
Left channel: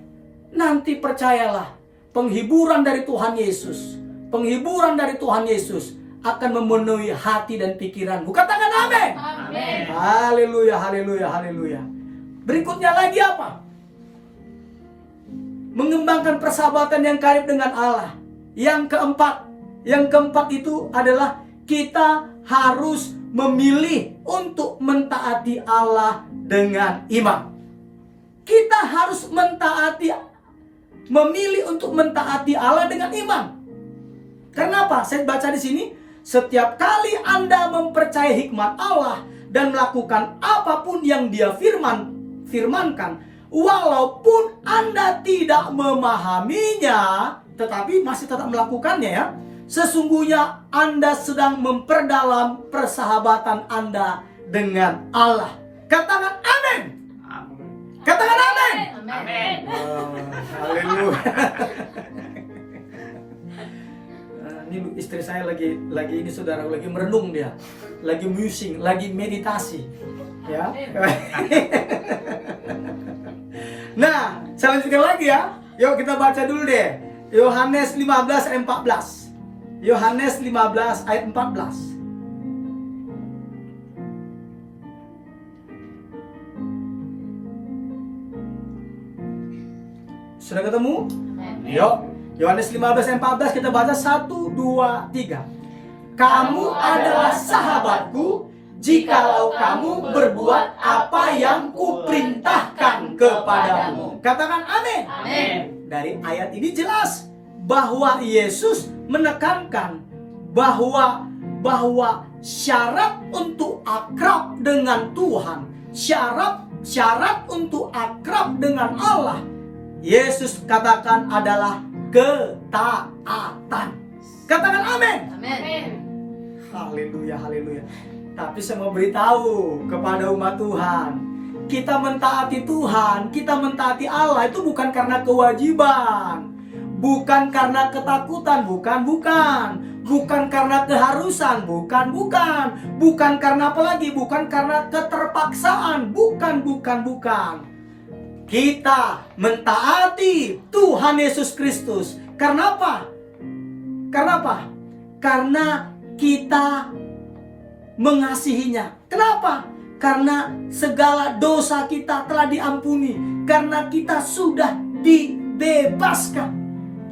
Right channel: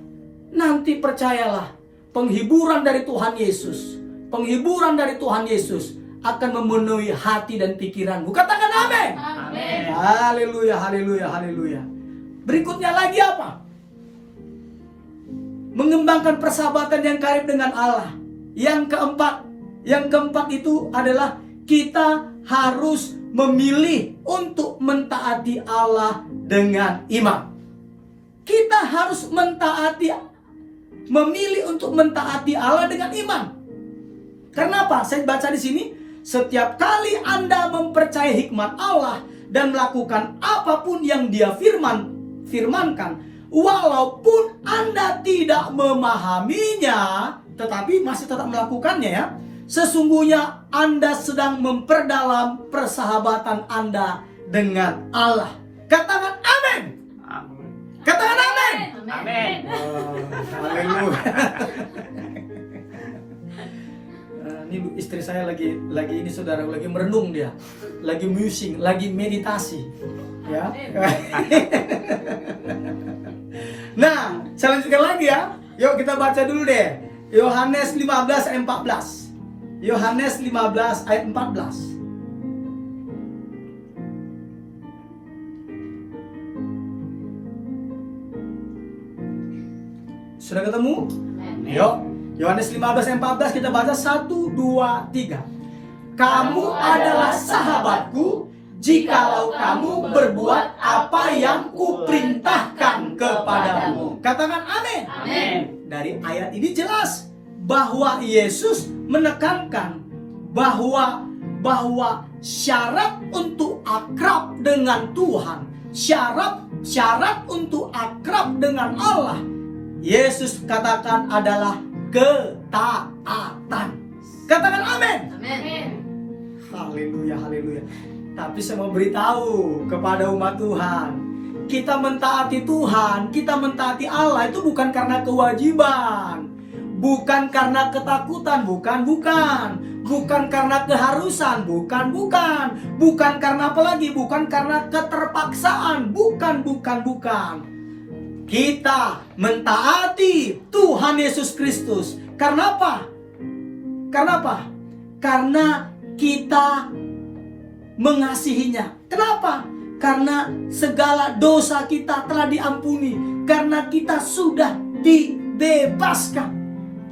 Nanti percayalah, penghiburan dari Tuhan Yesus, penghiburan dari Tuhan Yesus akan memenuhi hati dan pikiranmu. Katakan amin. Amin. Haleluya, haleluya, haleluya. Berikutnya lagi apa? Mengembangkan persahabatan yang karib dengan Allah. Yang keempat itu adalah kita harus memilih untuk mentaati Allah dengan iman. Kita harus memilih untuk mentaati Allah dengan iman. Karena apa? Saya baca di sini, setiap kali Anda mempercayai hikmat Allah dan melakukan apapun yang Dia firmankan, walaupun Anda tidak memahaminya, tetapi masih tetap melakukannya ya, sesungguhnya Anda sedang memperdalam persahabatan Anda dengan Allah. Katakan amin. Katakan amin. Amin. Haleluya. Ini istri saya lagi ini saudara, lagi merenung dia, lagi musing, lagi meditasi, ya. Nah, saya lanjutkan lagi ya. Yuk kita baca dulu deh. Yohanes 15 ayat 14. Yohanes 15 ayat 14. Sudah ketemu? Yuk. Yohanes 15 ayat 14 kita baca 1, 2, 3. Kamu adalah sahabatku jikalau kamu berbuat apa yang kuperintahkan kepadamu. Katakan amin. Amin. Dari ayat ini jelas bahwa Yesus menekankan bahwa syarat untuk akrab dengan Tuhan, syarat untuk akrab dengan Allah, Yesus katakan adalah ketaatan. Katakan amin. Amin. Haleluya, haleluya. Tapi saya mau beritahu kepada umat Tuhan, kita mentaati Tuhan, kita mentaati Allah itu bukan karena kewajiban, bukan karena ketakutan, bukan karena keharusan, bukan karena apa lagi, bukan karena keterpaksaan, bukan. Kita mentaati Tuhan Yesus Kristus. Karena apa? Karena kita mengasihinya. Kenapa? Karena segala dosa kita telah diampuni. Karena kita sudah dibebaskan.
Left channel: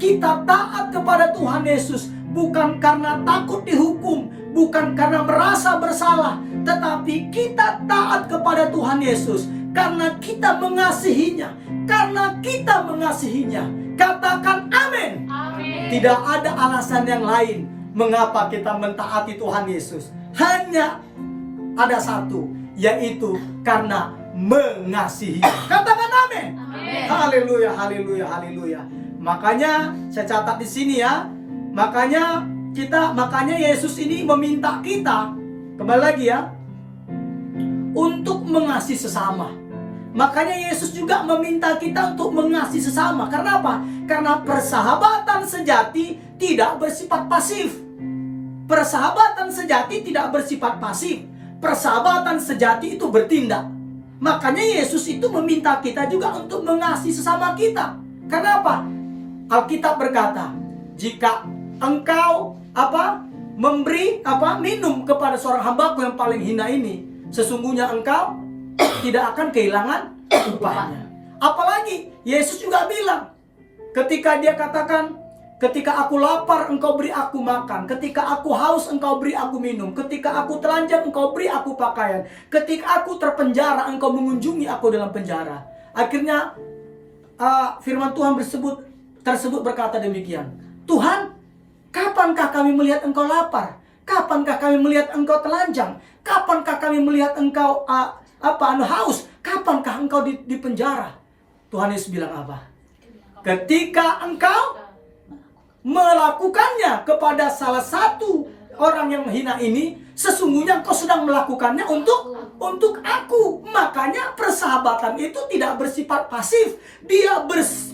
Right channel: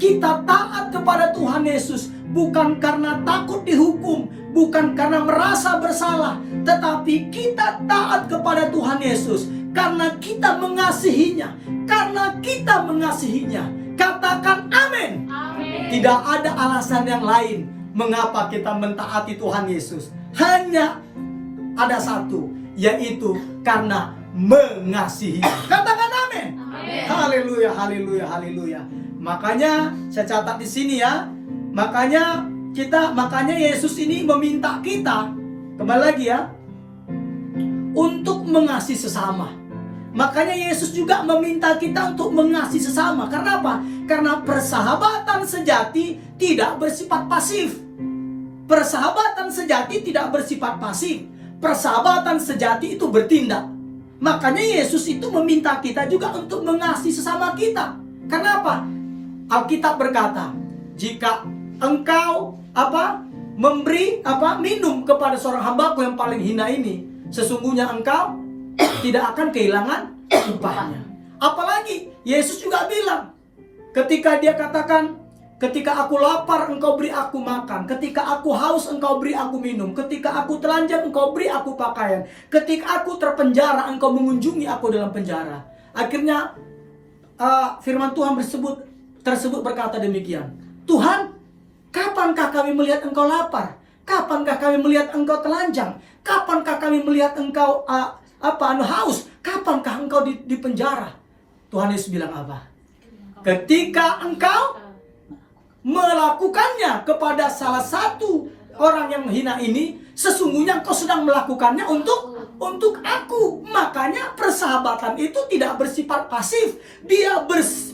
Kita taat kepada Tuhan Yesus bukan karena takut dihukum, bukan karena merasa bersalah, tetapi kita taat kepada Tuhan Yesus karena kita mengasihinya. Karena kita mengasihinya. Katakan amin. Tidak ada alasan yang lain mengapa kita mentaati Tuhan Yesus. Hanya ada satu, yaitu karena mengasihi. Katakan amin. Haleluya, haleluya, haleluya. Makanya saya catat di sini ya. Makanya Yesus ini meminta kita, kembali lagi ya, untuk mengasihi sesama. Makanya Yesus juga meminta kita untuk mengasihi sesama. Karena apa? Karena persahabatan sejati tidak bersifat pasif. Persahabatan sejati tidak bersifat pasif. Persahabatan sejati itu bertindak. Makanya Yesus itu meminta kita juga untuk mengasihi sesama kita. Karena apa? Alkitab berkata, jika engkau memberi minum kepada seorang hambaku yang paling hina ini, sesungguhnya engkau tidak akan kehilangan upahnya. Apalagi Yesus juga bilang, ketika dia katakan, ketika aku lapar engkau beri aku makan, ketika aku haus engkau beri aku minum, ketika aku telanjang engkau beri aku pakaian, ketika aku terpenjara engkau mengunjungi aku dalam penjara. Akhirnya firman Tuhan tersebut berkata demikian, Tuhan, kapankah kami melihat engkau lapar? Kapankah kami melihat engkau telanjang? Kapankah kami melihat engkau haus? Kapankah engkau di penjara? Tuhan Yesus bilang apa? Ketika engkau melakukannya kepada salah satu orang yang menghina ini, sesungguhnya engkau sedang melakukannya untuk aku. Makanya persahabatan itu tidak bersifat pasif, dia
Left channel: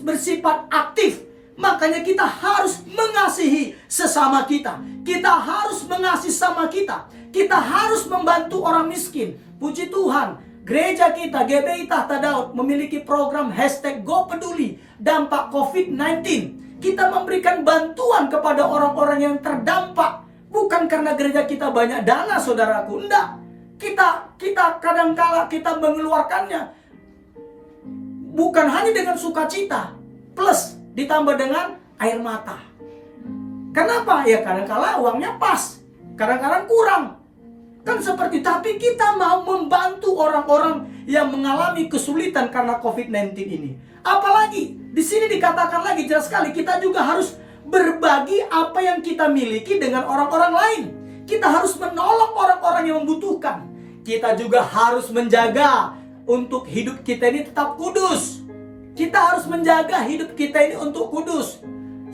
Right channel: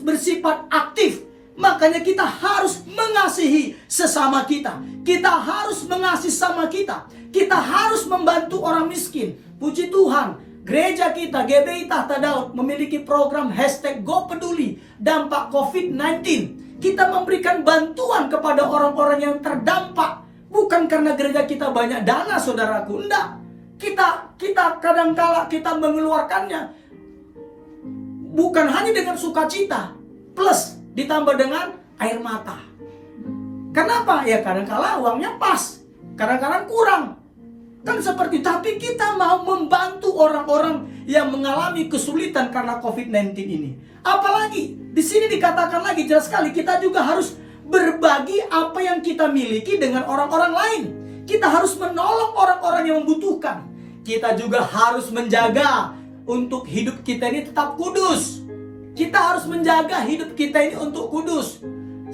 bersifat aktif. Makanya kita harus mengasihi sesama kita. Kita harus mengasihi sesama kita. Kita harus membantu orang miskin. Puji Tuhan, gereja kita GBI Tahta Daud memiliki program #GoPeduli dampak COVID-19. Kita memberikan bantuan kepada orang-orang yang terdampak. Bukan karena gereja kita banyak dana, saudaraku. Enggak. Kita kadangkala kita mengeluarkannya bukan hanya dengan sukacita, plus ditambah dengan air mata. Kenapa? Ya kadangkala uangnya pas, kadang-kadang kurang. Kan seperti, tapi kita mau membantu orang-orang yang mengalami kesulitan karena COVID-19 ini. Apalagi di sini dikatakan lagi jelas sekali, kita juga harus berbagi apa yang kita miliki dengan orang-orang lain. Kita harus menolong orang-orang yang membutuhkan. Kita juga harus menjaga untuk hidup kita ini tetap kudus. Kita harus menjaga hidup kita ini untuk kudus.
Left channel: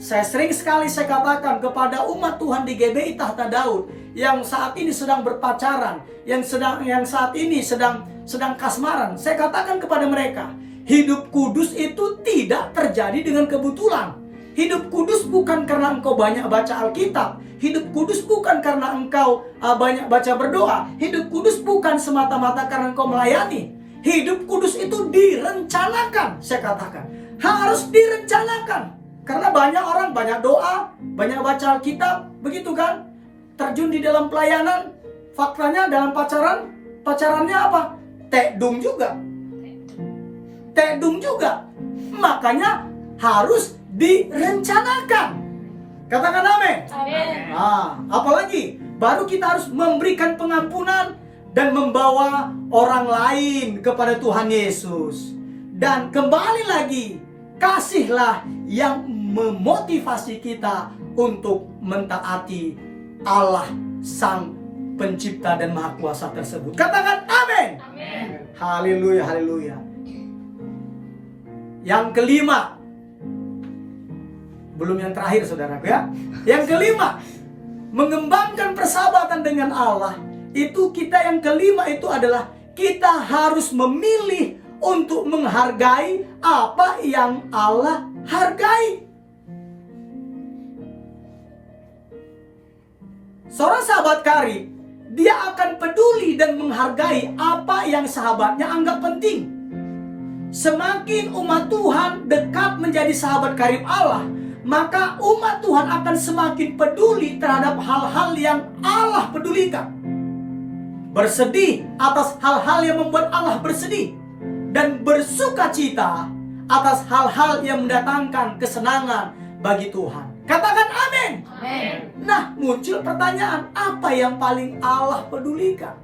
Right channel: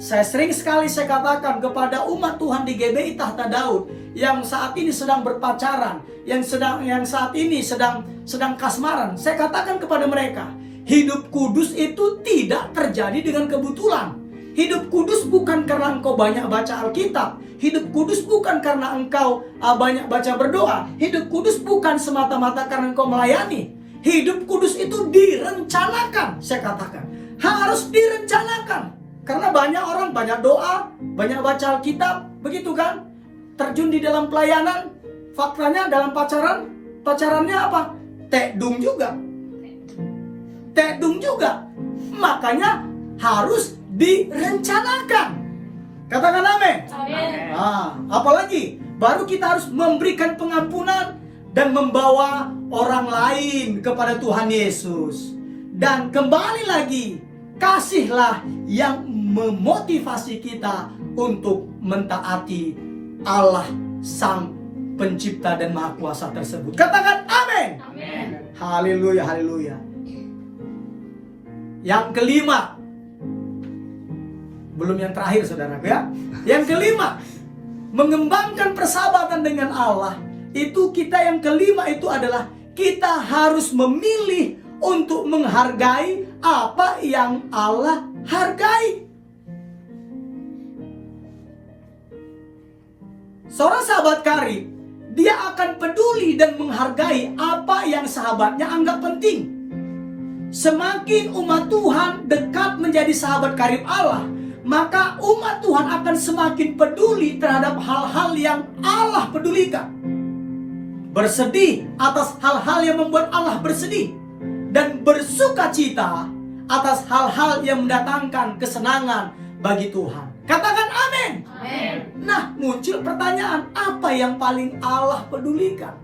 Saya sering sekali katakan kepada umat Tuhan di GBI Tahta Daud yang saat ini sedang berpacaran, yang saat ini sedang kasmaran. Saya katakan kepada mereka, hidup kudus itu tidak terjadi dengan kebetulan. Hidup kudus bukan karena engkau banyak baca Alkitab. Hidup kudus bukan karena engkau banyak baca berdoa. Hidup kudus bukan semata-mata karena engkau melayani. Hidup kudus itu direncanakan, saya katakan. Harus direncanakan. Karena banyak orang, banyak doa, banyak baca Alkitab, begitu kan? Terjun di dalam pelayanan, faktanya dalam pacarannya apa? Tekdung juga. Makanya harus direncanakan. Katakan amin. Apalagi baru kita harus memberikan pengampunan dan membawa orang lain kepada Tuhan Yesus. Dan kembali lagi, kasihlah yang memotivasi kita untuk mentaati Allah Sang Pencipta dan Maha Kuasa tersebut. Katakan amin. Haleluya, haleluya. Yang kelima, belum yang terakhir saudaraku ya. Yang kelima, mengembangkan persahabatan dengan Allah. Itu kita yang kelima itu adalah kita harus memilih untuk menghargai apa yang Allah hargai. Seorang sahabat karib, dia akan peduli dan menghargai apa yang sahabatnya anggap penting. Semakin umat Tuhan dekat menjadi sahabat karib Allah, maka umat Tuhan akan semakin peduli terhadap hal-hal yang Allah pedulikan. Bersedih atas hal-hal yang membuat Allah bersedih, dan bersukacita atas hal-hal yang mendatangkan kesenangan bagi Tuhan. Katakan amin. Nah, muncul pertanyaan, apa yang paling Allah pedulikan?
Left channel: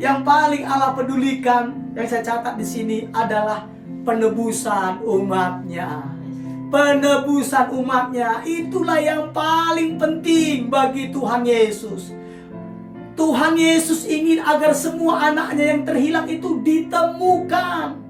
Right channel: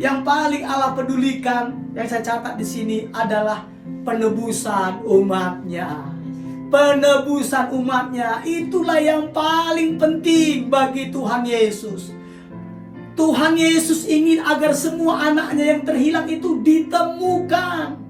yang paling Allah pedulikan, yang saya catat di sini adalah penebusan umatnya. Penebusan umatnya itulah yang paling penting bagi Tuhan Yesus. Tuhan Yesus ingin agar semua anaknya yang terhilang itu ditemukan.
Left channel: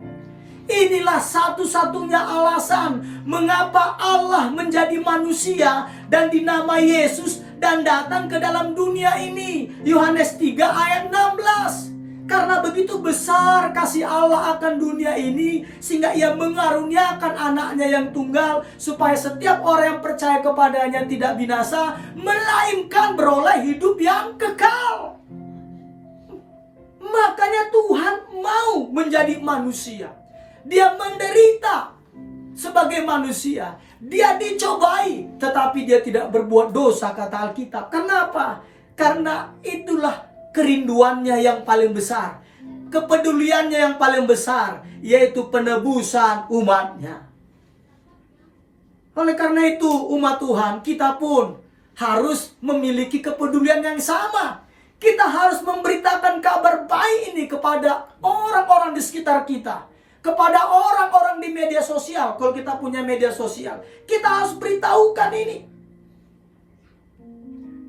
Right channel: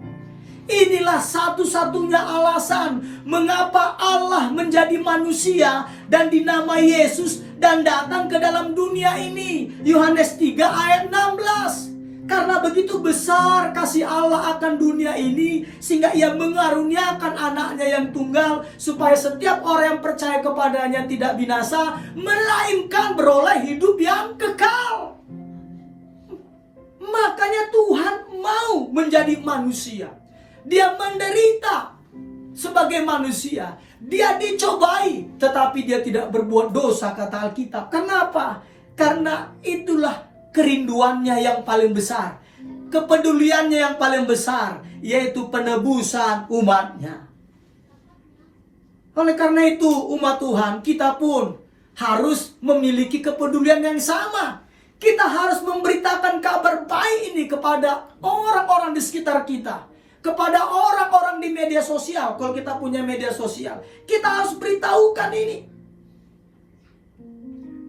Inilah satu-satunya alasan mengapa Allah menjadi manusia dan dinamai Yesus dan datang ke dalam dunia ini. Yohanes 3 ayat 16. Karena begitu besar kasih Allah akan dunia ini, sehingga ia mengaruniakan anaknya yang tunggal, supaya setiap orang yang percaya kepadanya tidak binasa, melainkan beroleh hidup yang kekal. Makanya Tuhan mau menjadi manusia. Dia menderita sebagai manusia. Dia dicobai, tetapi dia tidak berbuat dosa, kata Alkitab. Kenapa? Karena itulah kerinduannya yang paling besar, kepeduliannya yang paling besar, yaitu penebusan umatnya. Oleh karena itu, umat Tuhan, kita pun harus memiliki kepedulian yang sama. Kita harus memberitakan kabar baik ini kepada orang-orang di sekitar kita, kepada orang-orang di media sosial. Kalau kita punya media sosial, kita harus beritahukan ini.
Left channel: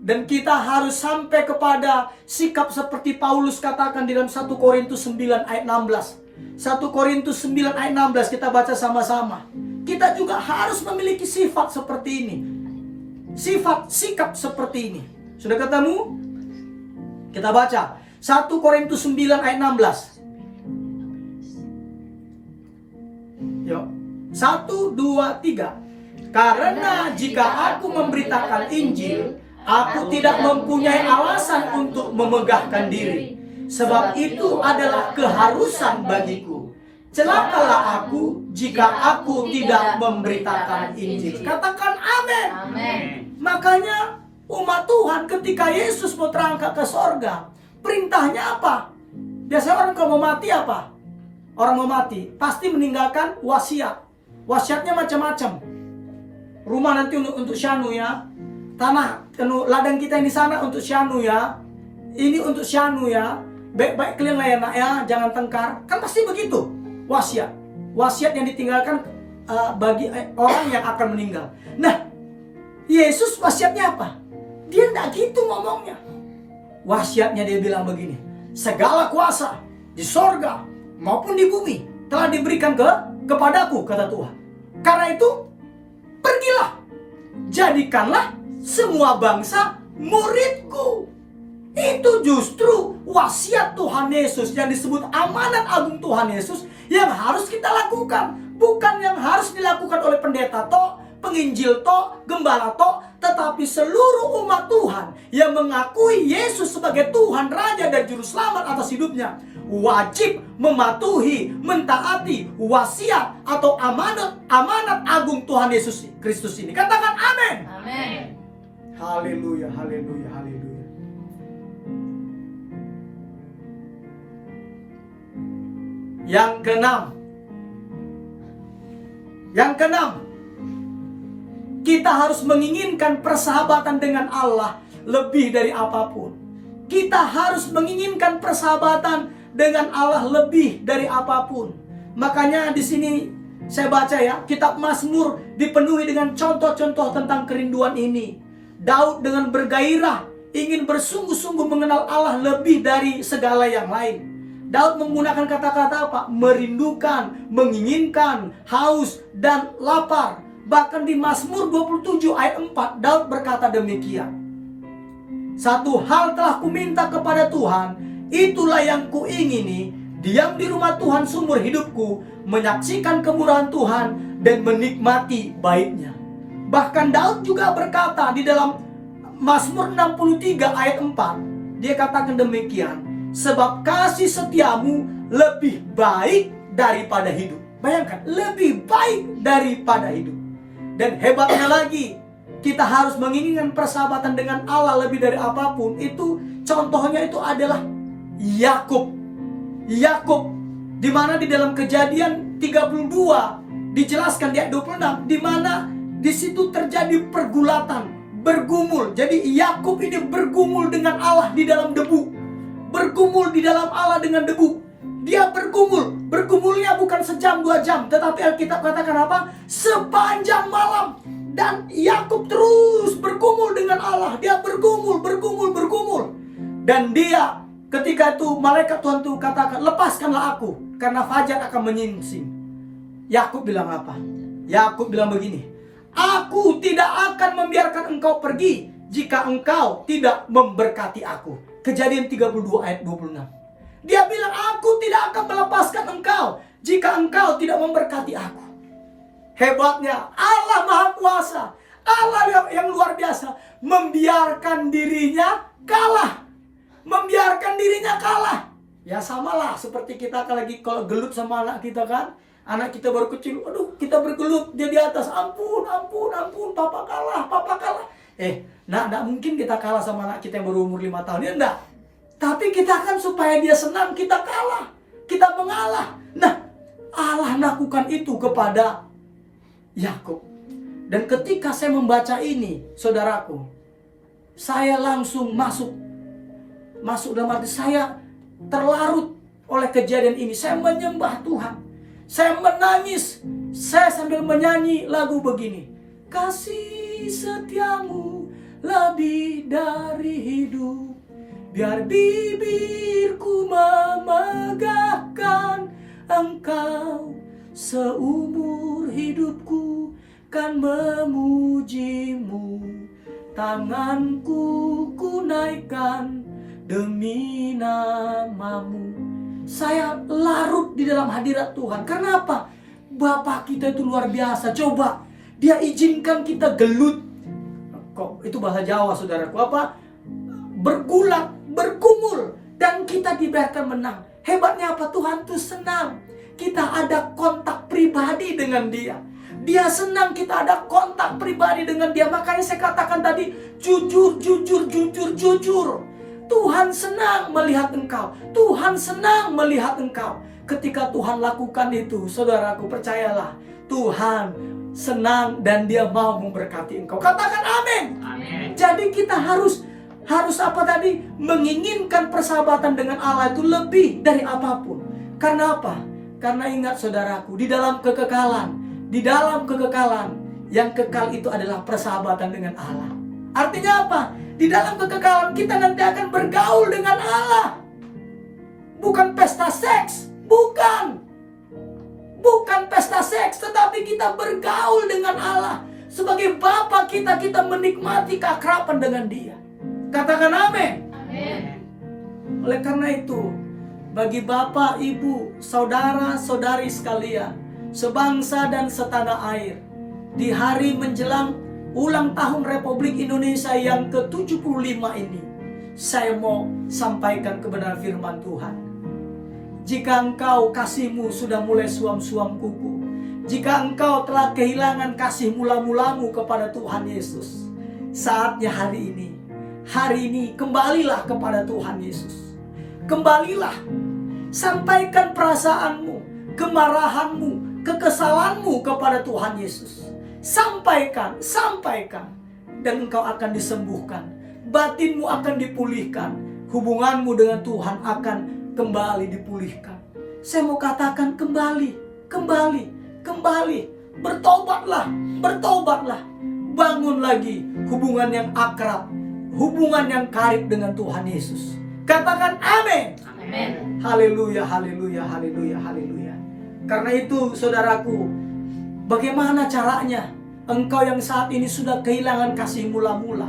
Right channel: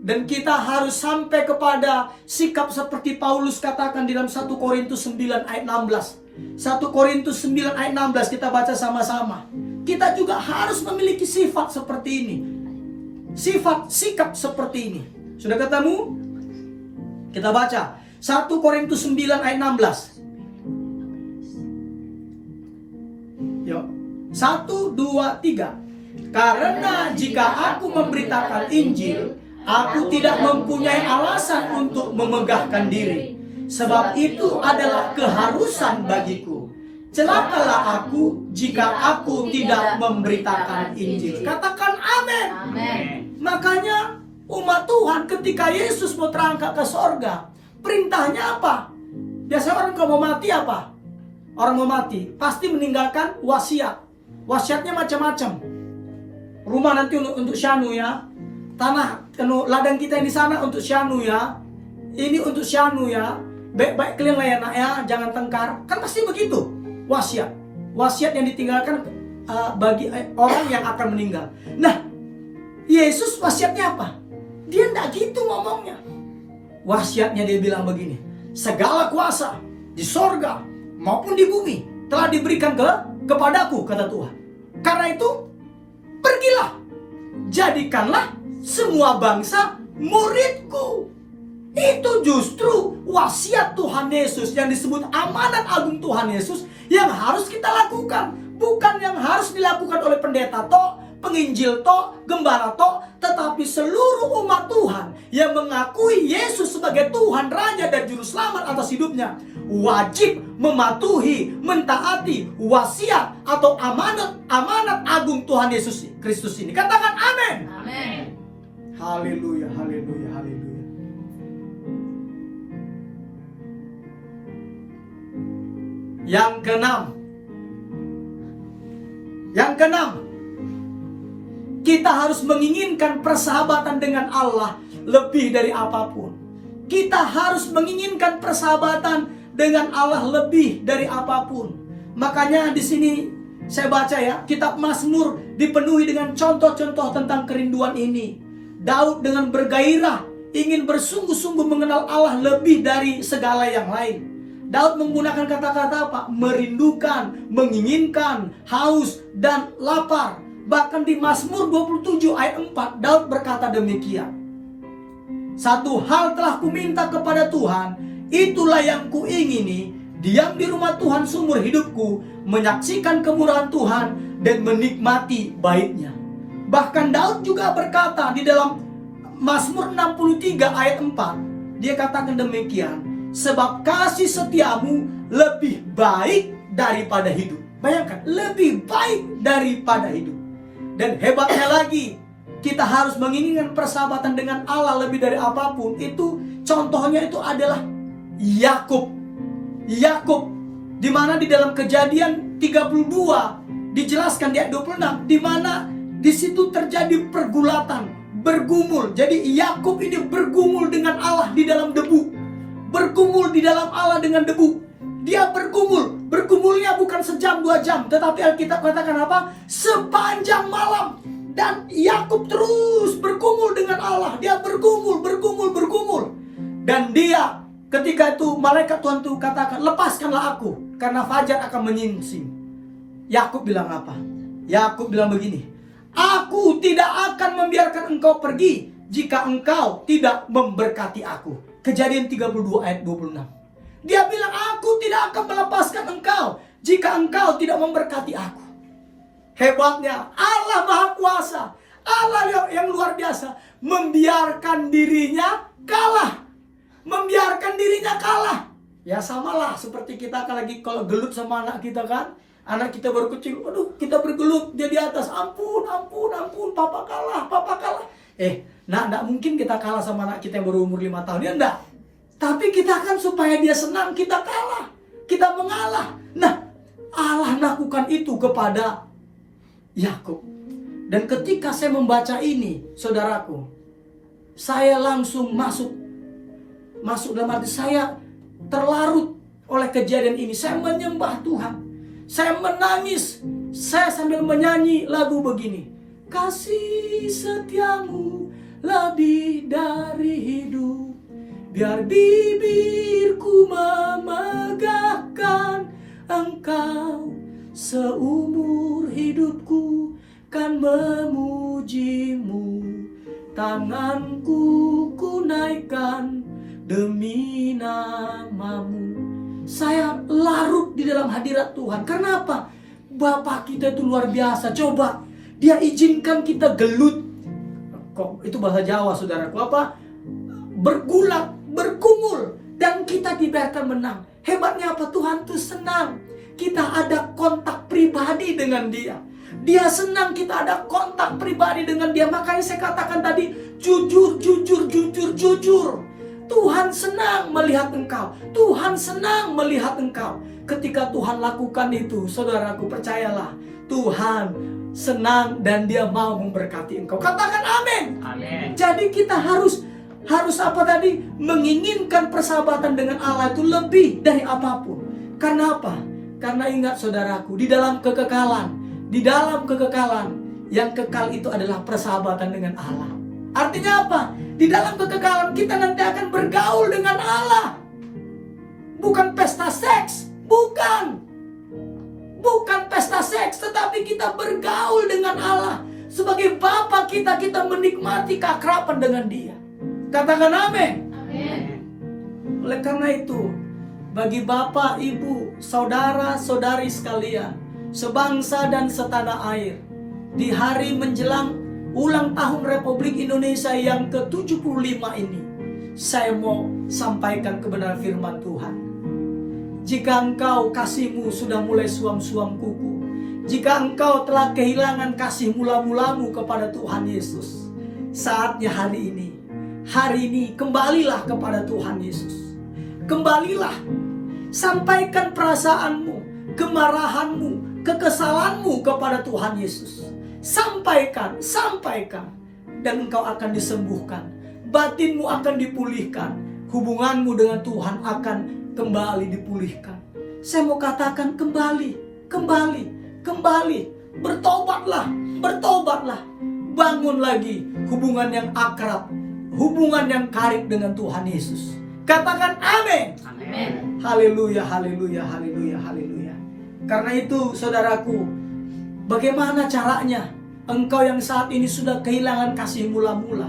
Dan kita harus sampai kepada sikap seperti Paulus katakan di dalam 1 Korintus 9 ayat 16. 1 Korintus 9 ayat 16 kita baca sama-sama. Kita juga harus memiliki sifat seperti ini. Sikap seperti ini. Sudah ketemu? Kita baca 1 Korintus 9 ayat 16. Yuk. 1, 2, 3. Karena jika aku memberitakan Injil, aku tidak mempunyai alasan untuk memegahkan diri, sebab itu adalah keharusan bagiku. Celakalah aku jika aku tidak memberitakan Injil. Katakan amin. Makanya umat Tuhan ketika Yesus mau terangkat ke sorga, perintahnya apa? Biasanya orang kalau mau mati apa? Orang mau mati pasti meninggalkan wasiat. Wasiatnya macam-macam. Rumah nanti untuk Syanu ya. Tanah, ladang kita ini sana untuk Syanu ya. Ini untuk Syanu ya. Baik-baik kalian lah ya nak ya, jangan tengkar. Kan pasti begitu. Wasiat. Wasiat yang ditinggalkan bagi orang yang akan meninggal. Nah, Yesus wasiatnya apa? Dia tidak gitu ngomongnya. Wasiatnya dia bilang begini. Segala kuasa di sorga maupun di bumi telah diberikan kepadaku, kata Tuhan. Karena itu, pergilah. Jadikanlah semua bangsa muridku. Itu justru wasiat Tuhan Yesus yang disebut amanat agung Tuhan Yesus yang harus kita lakukan. Bukan yang harus dilakukan oleh pendeta toh, penginjil toh, gembala toh, tetapi seluruh umat Tuhan yang mengakui Yesus sebagai Tuhan, Raja dan Juru Selamat atas hidupnya wajib mematuhi, mentaati wasiat atau amanat agung Tuhan Yesus Kristus ini. Katakan amin. Amin. Haleluya, haleluya, haleluya. Yang keenam, kita harus menginginkan persahabatan dengan Allah lebih dari apapun. Kita harus menginginkan persahabatan dengan Allah lebih dari apapun. Makanya di sini saya baca ya, kitab Mazmur dipenuhi dengan contoh-contoh tentang kerinduan ini. Daud dengan bergairah ingin bersungguh-sungguh mengenal Allah lebih dari segala yang lain. Daud menggunakan kata-kata apa? Merindukan, menginginkan, haus, dan lapar. Bahkan di Mazmur 27 ayat 4, Daud berkata demikian. Satu hal telah kuminta kepada Tuhan, itulah yang kuingini, diam di rumah Tuhan seumur hidupku, menyaksikan kemurahan Tuhan, dan menikmati baiknya. Bahkan Daud juga berkata di dalam Mazmur 63 ayat 4, dia katakan demikian, sebab kasih setiamu lebih baik daripada hidup. Bayangkan, lebih baik daripada hidup. Dan hebatnya lagi, kita harus menginginkan persahabatan dengan Allah lebih dari apapun. Itu contohnya itu adalah Yakub, di mana di dalam Kejadian 32 dijelaskan di ayat 26, di mana di situ terjadi pergulatan, bergumul. Jadi Yakub ini bergumul dengan Allah di dalam debu. bergumul di dalam Allah dengan debu. Dia bergumul. Bergumulnya bukan sejam 2 jam, tetapi Alkitab katakan apa? Sepanjang malam. Dan Yakub terus bergumul dengan Allah. Dia bergumul. Dan dia ketika itu malaikat Tuhan itu katakan, lepaskanlah aku, karena fajar akan menyingsing. Yakub bilang apa? Yakub bilang begini, aku tidak akan membiarkan engkau pergi jika engkau tidak memberkati aku. Kejadian 32 ayat 26. Dia bilang, aku tidak akan melepaskan engkau jika engkau tidak memberkati aku. Hebatnya Allah Maha Kuasa, Allah yang luar biasa, membiarkan dirinya kalah. Membiarkan dirinya kalah. Ya samalah seperti kita kalau gelut sama anak kita kan. Anak kita baru kecil, aduh kita bergelut, dia di atas, ampun, papa kalah. Enggak mungkin kita kalah sama anak kita yang baru umur 5 tahun, ya enggak. Tapi kita kan supaya dia senang, kita kalah, kita mengalah. Nah, Allah lakukan itu kepada Yakub. Dan ketika saya membaca ini, saudaraku, saya langsung masuk dalam hati saya, terlarut oleh kejadian ini. Saya menyembah Tuhan, saya menangis, saya sambil menyanyi lagu begini. Kasih setiamu lebih dari hidup, biar bibirku memegahkan engkau. Seumur hidupku kan memujimu, tanganku ku naikkan demi namamu. Saya larut di dalam hadirat Tuhan. Kenapa? Bapa kita itu luar biasa. Coba, dia izinkan kita gelut. Kok itu bahasa Jawa, saudaraku? Apa? Bergulat, bergumul, dan kita dibiarkan menang. Hebatnya apa? Tuhan tuh senang kita ada kontak pribadi dengan dia. Dia senang kita ada kontak pribadi dengan dia. Makanya saya katakan tadi, jujur. Tuhan senang melihat engkau. Tuhan senang melihat engkau. Ketika Tuhan lakukan itu, saudaraku, percayalah, Tuhan senang dan dia mau memberkati engkau. Katakan amin. Amin. Jadi kita harus apa tadi? Menginginkan persahabatan dengan Allah itu lebih dari apapun. Karena apa? Karena ingat, saudaraku, di dalam kekekalan, yang kekal itu adalah persahabatan dengan Allah. Artinya apa? Di dalam kekekalan kita nanti akan bergaul dengan Allah. Bukan pesta seks, bukan pesta seks, tetapi kita bergaul dengan Allah. Sebagai Bapa kita menikmati keakraban dengan Dia. Katakan amin. Amin. Oleh karena itu, bagi Bapak, Ibu, saudara-saudari sekalian, sebangsa dan setanah air, di hari menjelang ulang tahun Republik Indonesia yang ke-75 ini, saya mau sampaikan kebenaran firman Tuhan. Jika engkau kasihmu sudah mulai suam-suam kuku, jika engkau telah kehilangan kasih mula-mulamu kepada Tuhan Yesus, saatnya hari ini kembalilah kepada Tuhan Yesus. Kembalilah, sampaikan perasaanmu, kemarahanmu, kekesalanmu kepada Tuhan Yesus. Sampaikan, dan engkau akan disembuhkan. Batinmu akan dipulihkan. Hubunganmu dengan Tuhan akan kembali dipulihkan. Saya mau katakan kembali. Bertobatlah. Bangun lagi hubungan yang akrab, hubungan yang karib dengan Tuhan Yesus. Katakan amin. Amin. Haleluya. Karena itu, saudaraku, bagaimana caranya engkau yang saat ini sudah kehilangan kasih mula-mula,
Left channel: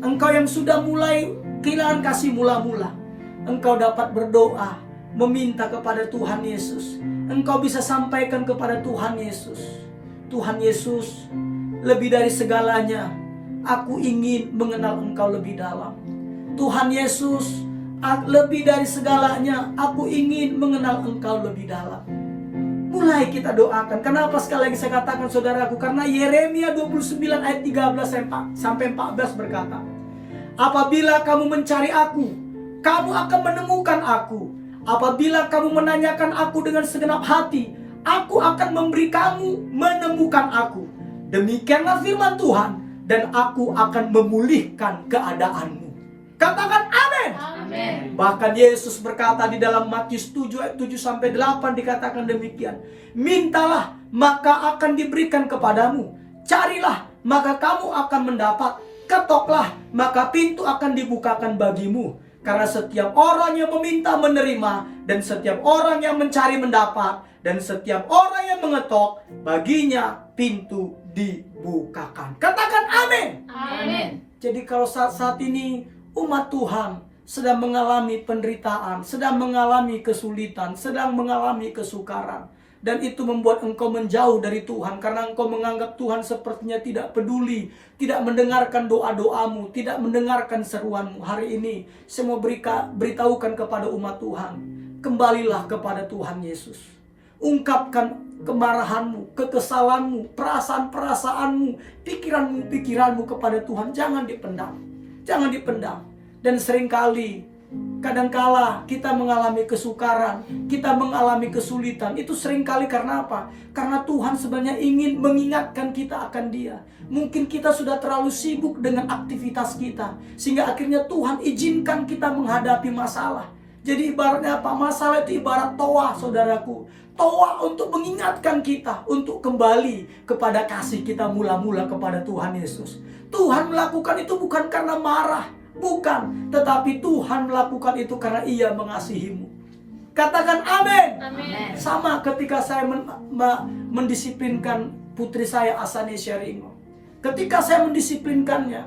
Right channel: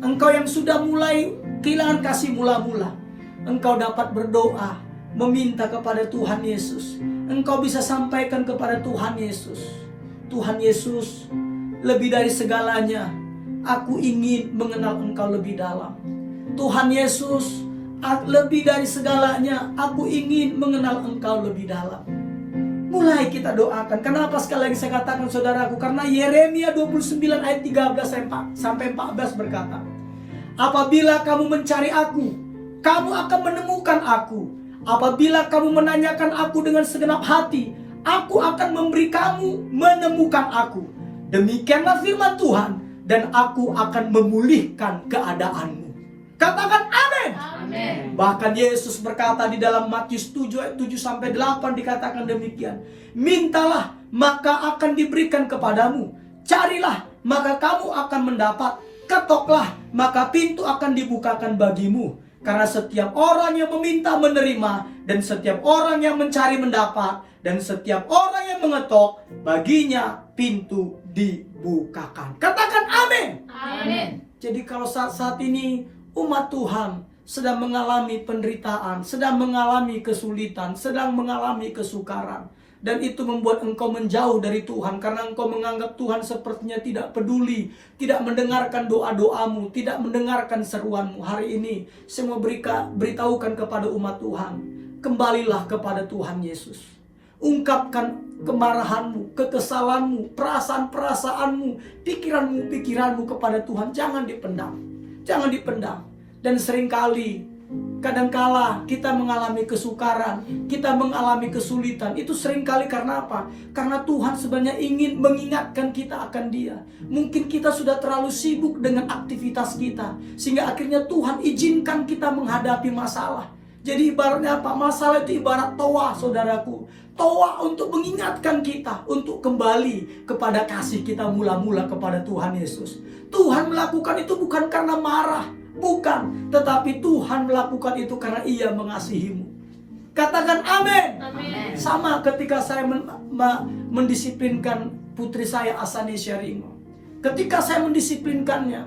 engkau yang sudah mulai kehilangan kasih mula-mula, engkau dapat berdoa, meminta kepada Tuhan Yesus. Engkau bisa sampaikan kepada Tuhan Yesus, Tuhan Yesus, lebih dari segalanya, aku ingin mengenal engkau lebih dalam. Tuhan Yesus, lebih dari segalanya, aku ingin mengenal engkau lebih dalam. Mulai kita doakan. Kenapa sekali lagi saya katakan, saudaraku? Karena Yeremia 29 ayat 13 sampai 14 berkata, apabila kamu mencari aku, kamu akan menemukan aku. Apabila kamu menanyakan aku dengan segenap hati, aku akan memberi kamu menemukan aku. Demikianlah firman Tuhan, dan aku akan memulihkan keadaanmu. Katakan amin. Amin. Bahkan Yesus berkata di dalam Matius 7 ayat 7-8 dikatakan demikian. Mintalah maka akan diberikan kepadamu. Carilah maka kamu akan mendapat. Ketoklah maka pintu akan dibukakan bagimu. Karena setiap orang yang meminta menerima, dan setiap orang yang mencari mendapat, dan setiap orang yang mengetok, baginya pintu dibukakan. Katakan amin. Amin. Jadi kalau saat ini umat Tuhan sedang mengalami penderitaan, sedang mengalami kesulitan, sedang mengalami kesukaran, dan itu membuat engkau menjauh dari Tuhan karena engkau menganggap Tuhan sepertinya tidak peduli, tidak mendengarkan doa-doamu, tidak mendengarkan seruanmu. Hari ini saya mau beritahukan kepada umat Tuhan, kembalilah kepada Tuhan Yesus. Ungkapkan kemarahanmu, kekesalanmu, perasaan-perasaanmu, pikiranmu kepada Tuhan. Jangan dipendam. Jangan dipendam. Dan seringkali, kadangkala kita mengalami kesukaran, kita mengalami kesulitan. Itu seringkali karena apa? Karena Tuhan sebenarnya ingin mengingatkan kita akan Dia. Mungkin kita sudah terlalu sibuk dengan aktivitas kita, sehingga akhirnya Tuhan izinkan kita menghadapi masalah. Jadi ibaratnya apa? Masalah itu ibarat toa, saudaraku. Toa untuk mengingatkan kita untuk kembali kepada kasih kita mula-mula kepada Tuhan Yesus. Tuhan melakukan itu bukan karena marah, bukan, tetapi Tuhan melakukan itu karena Ia mengasihimu. Katakan amin. Amin. Sama ketika saya mendisiplinkan putri saya Asani Syaringo. Ketika saya mendisiplinkannya,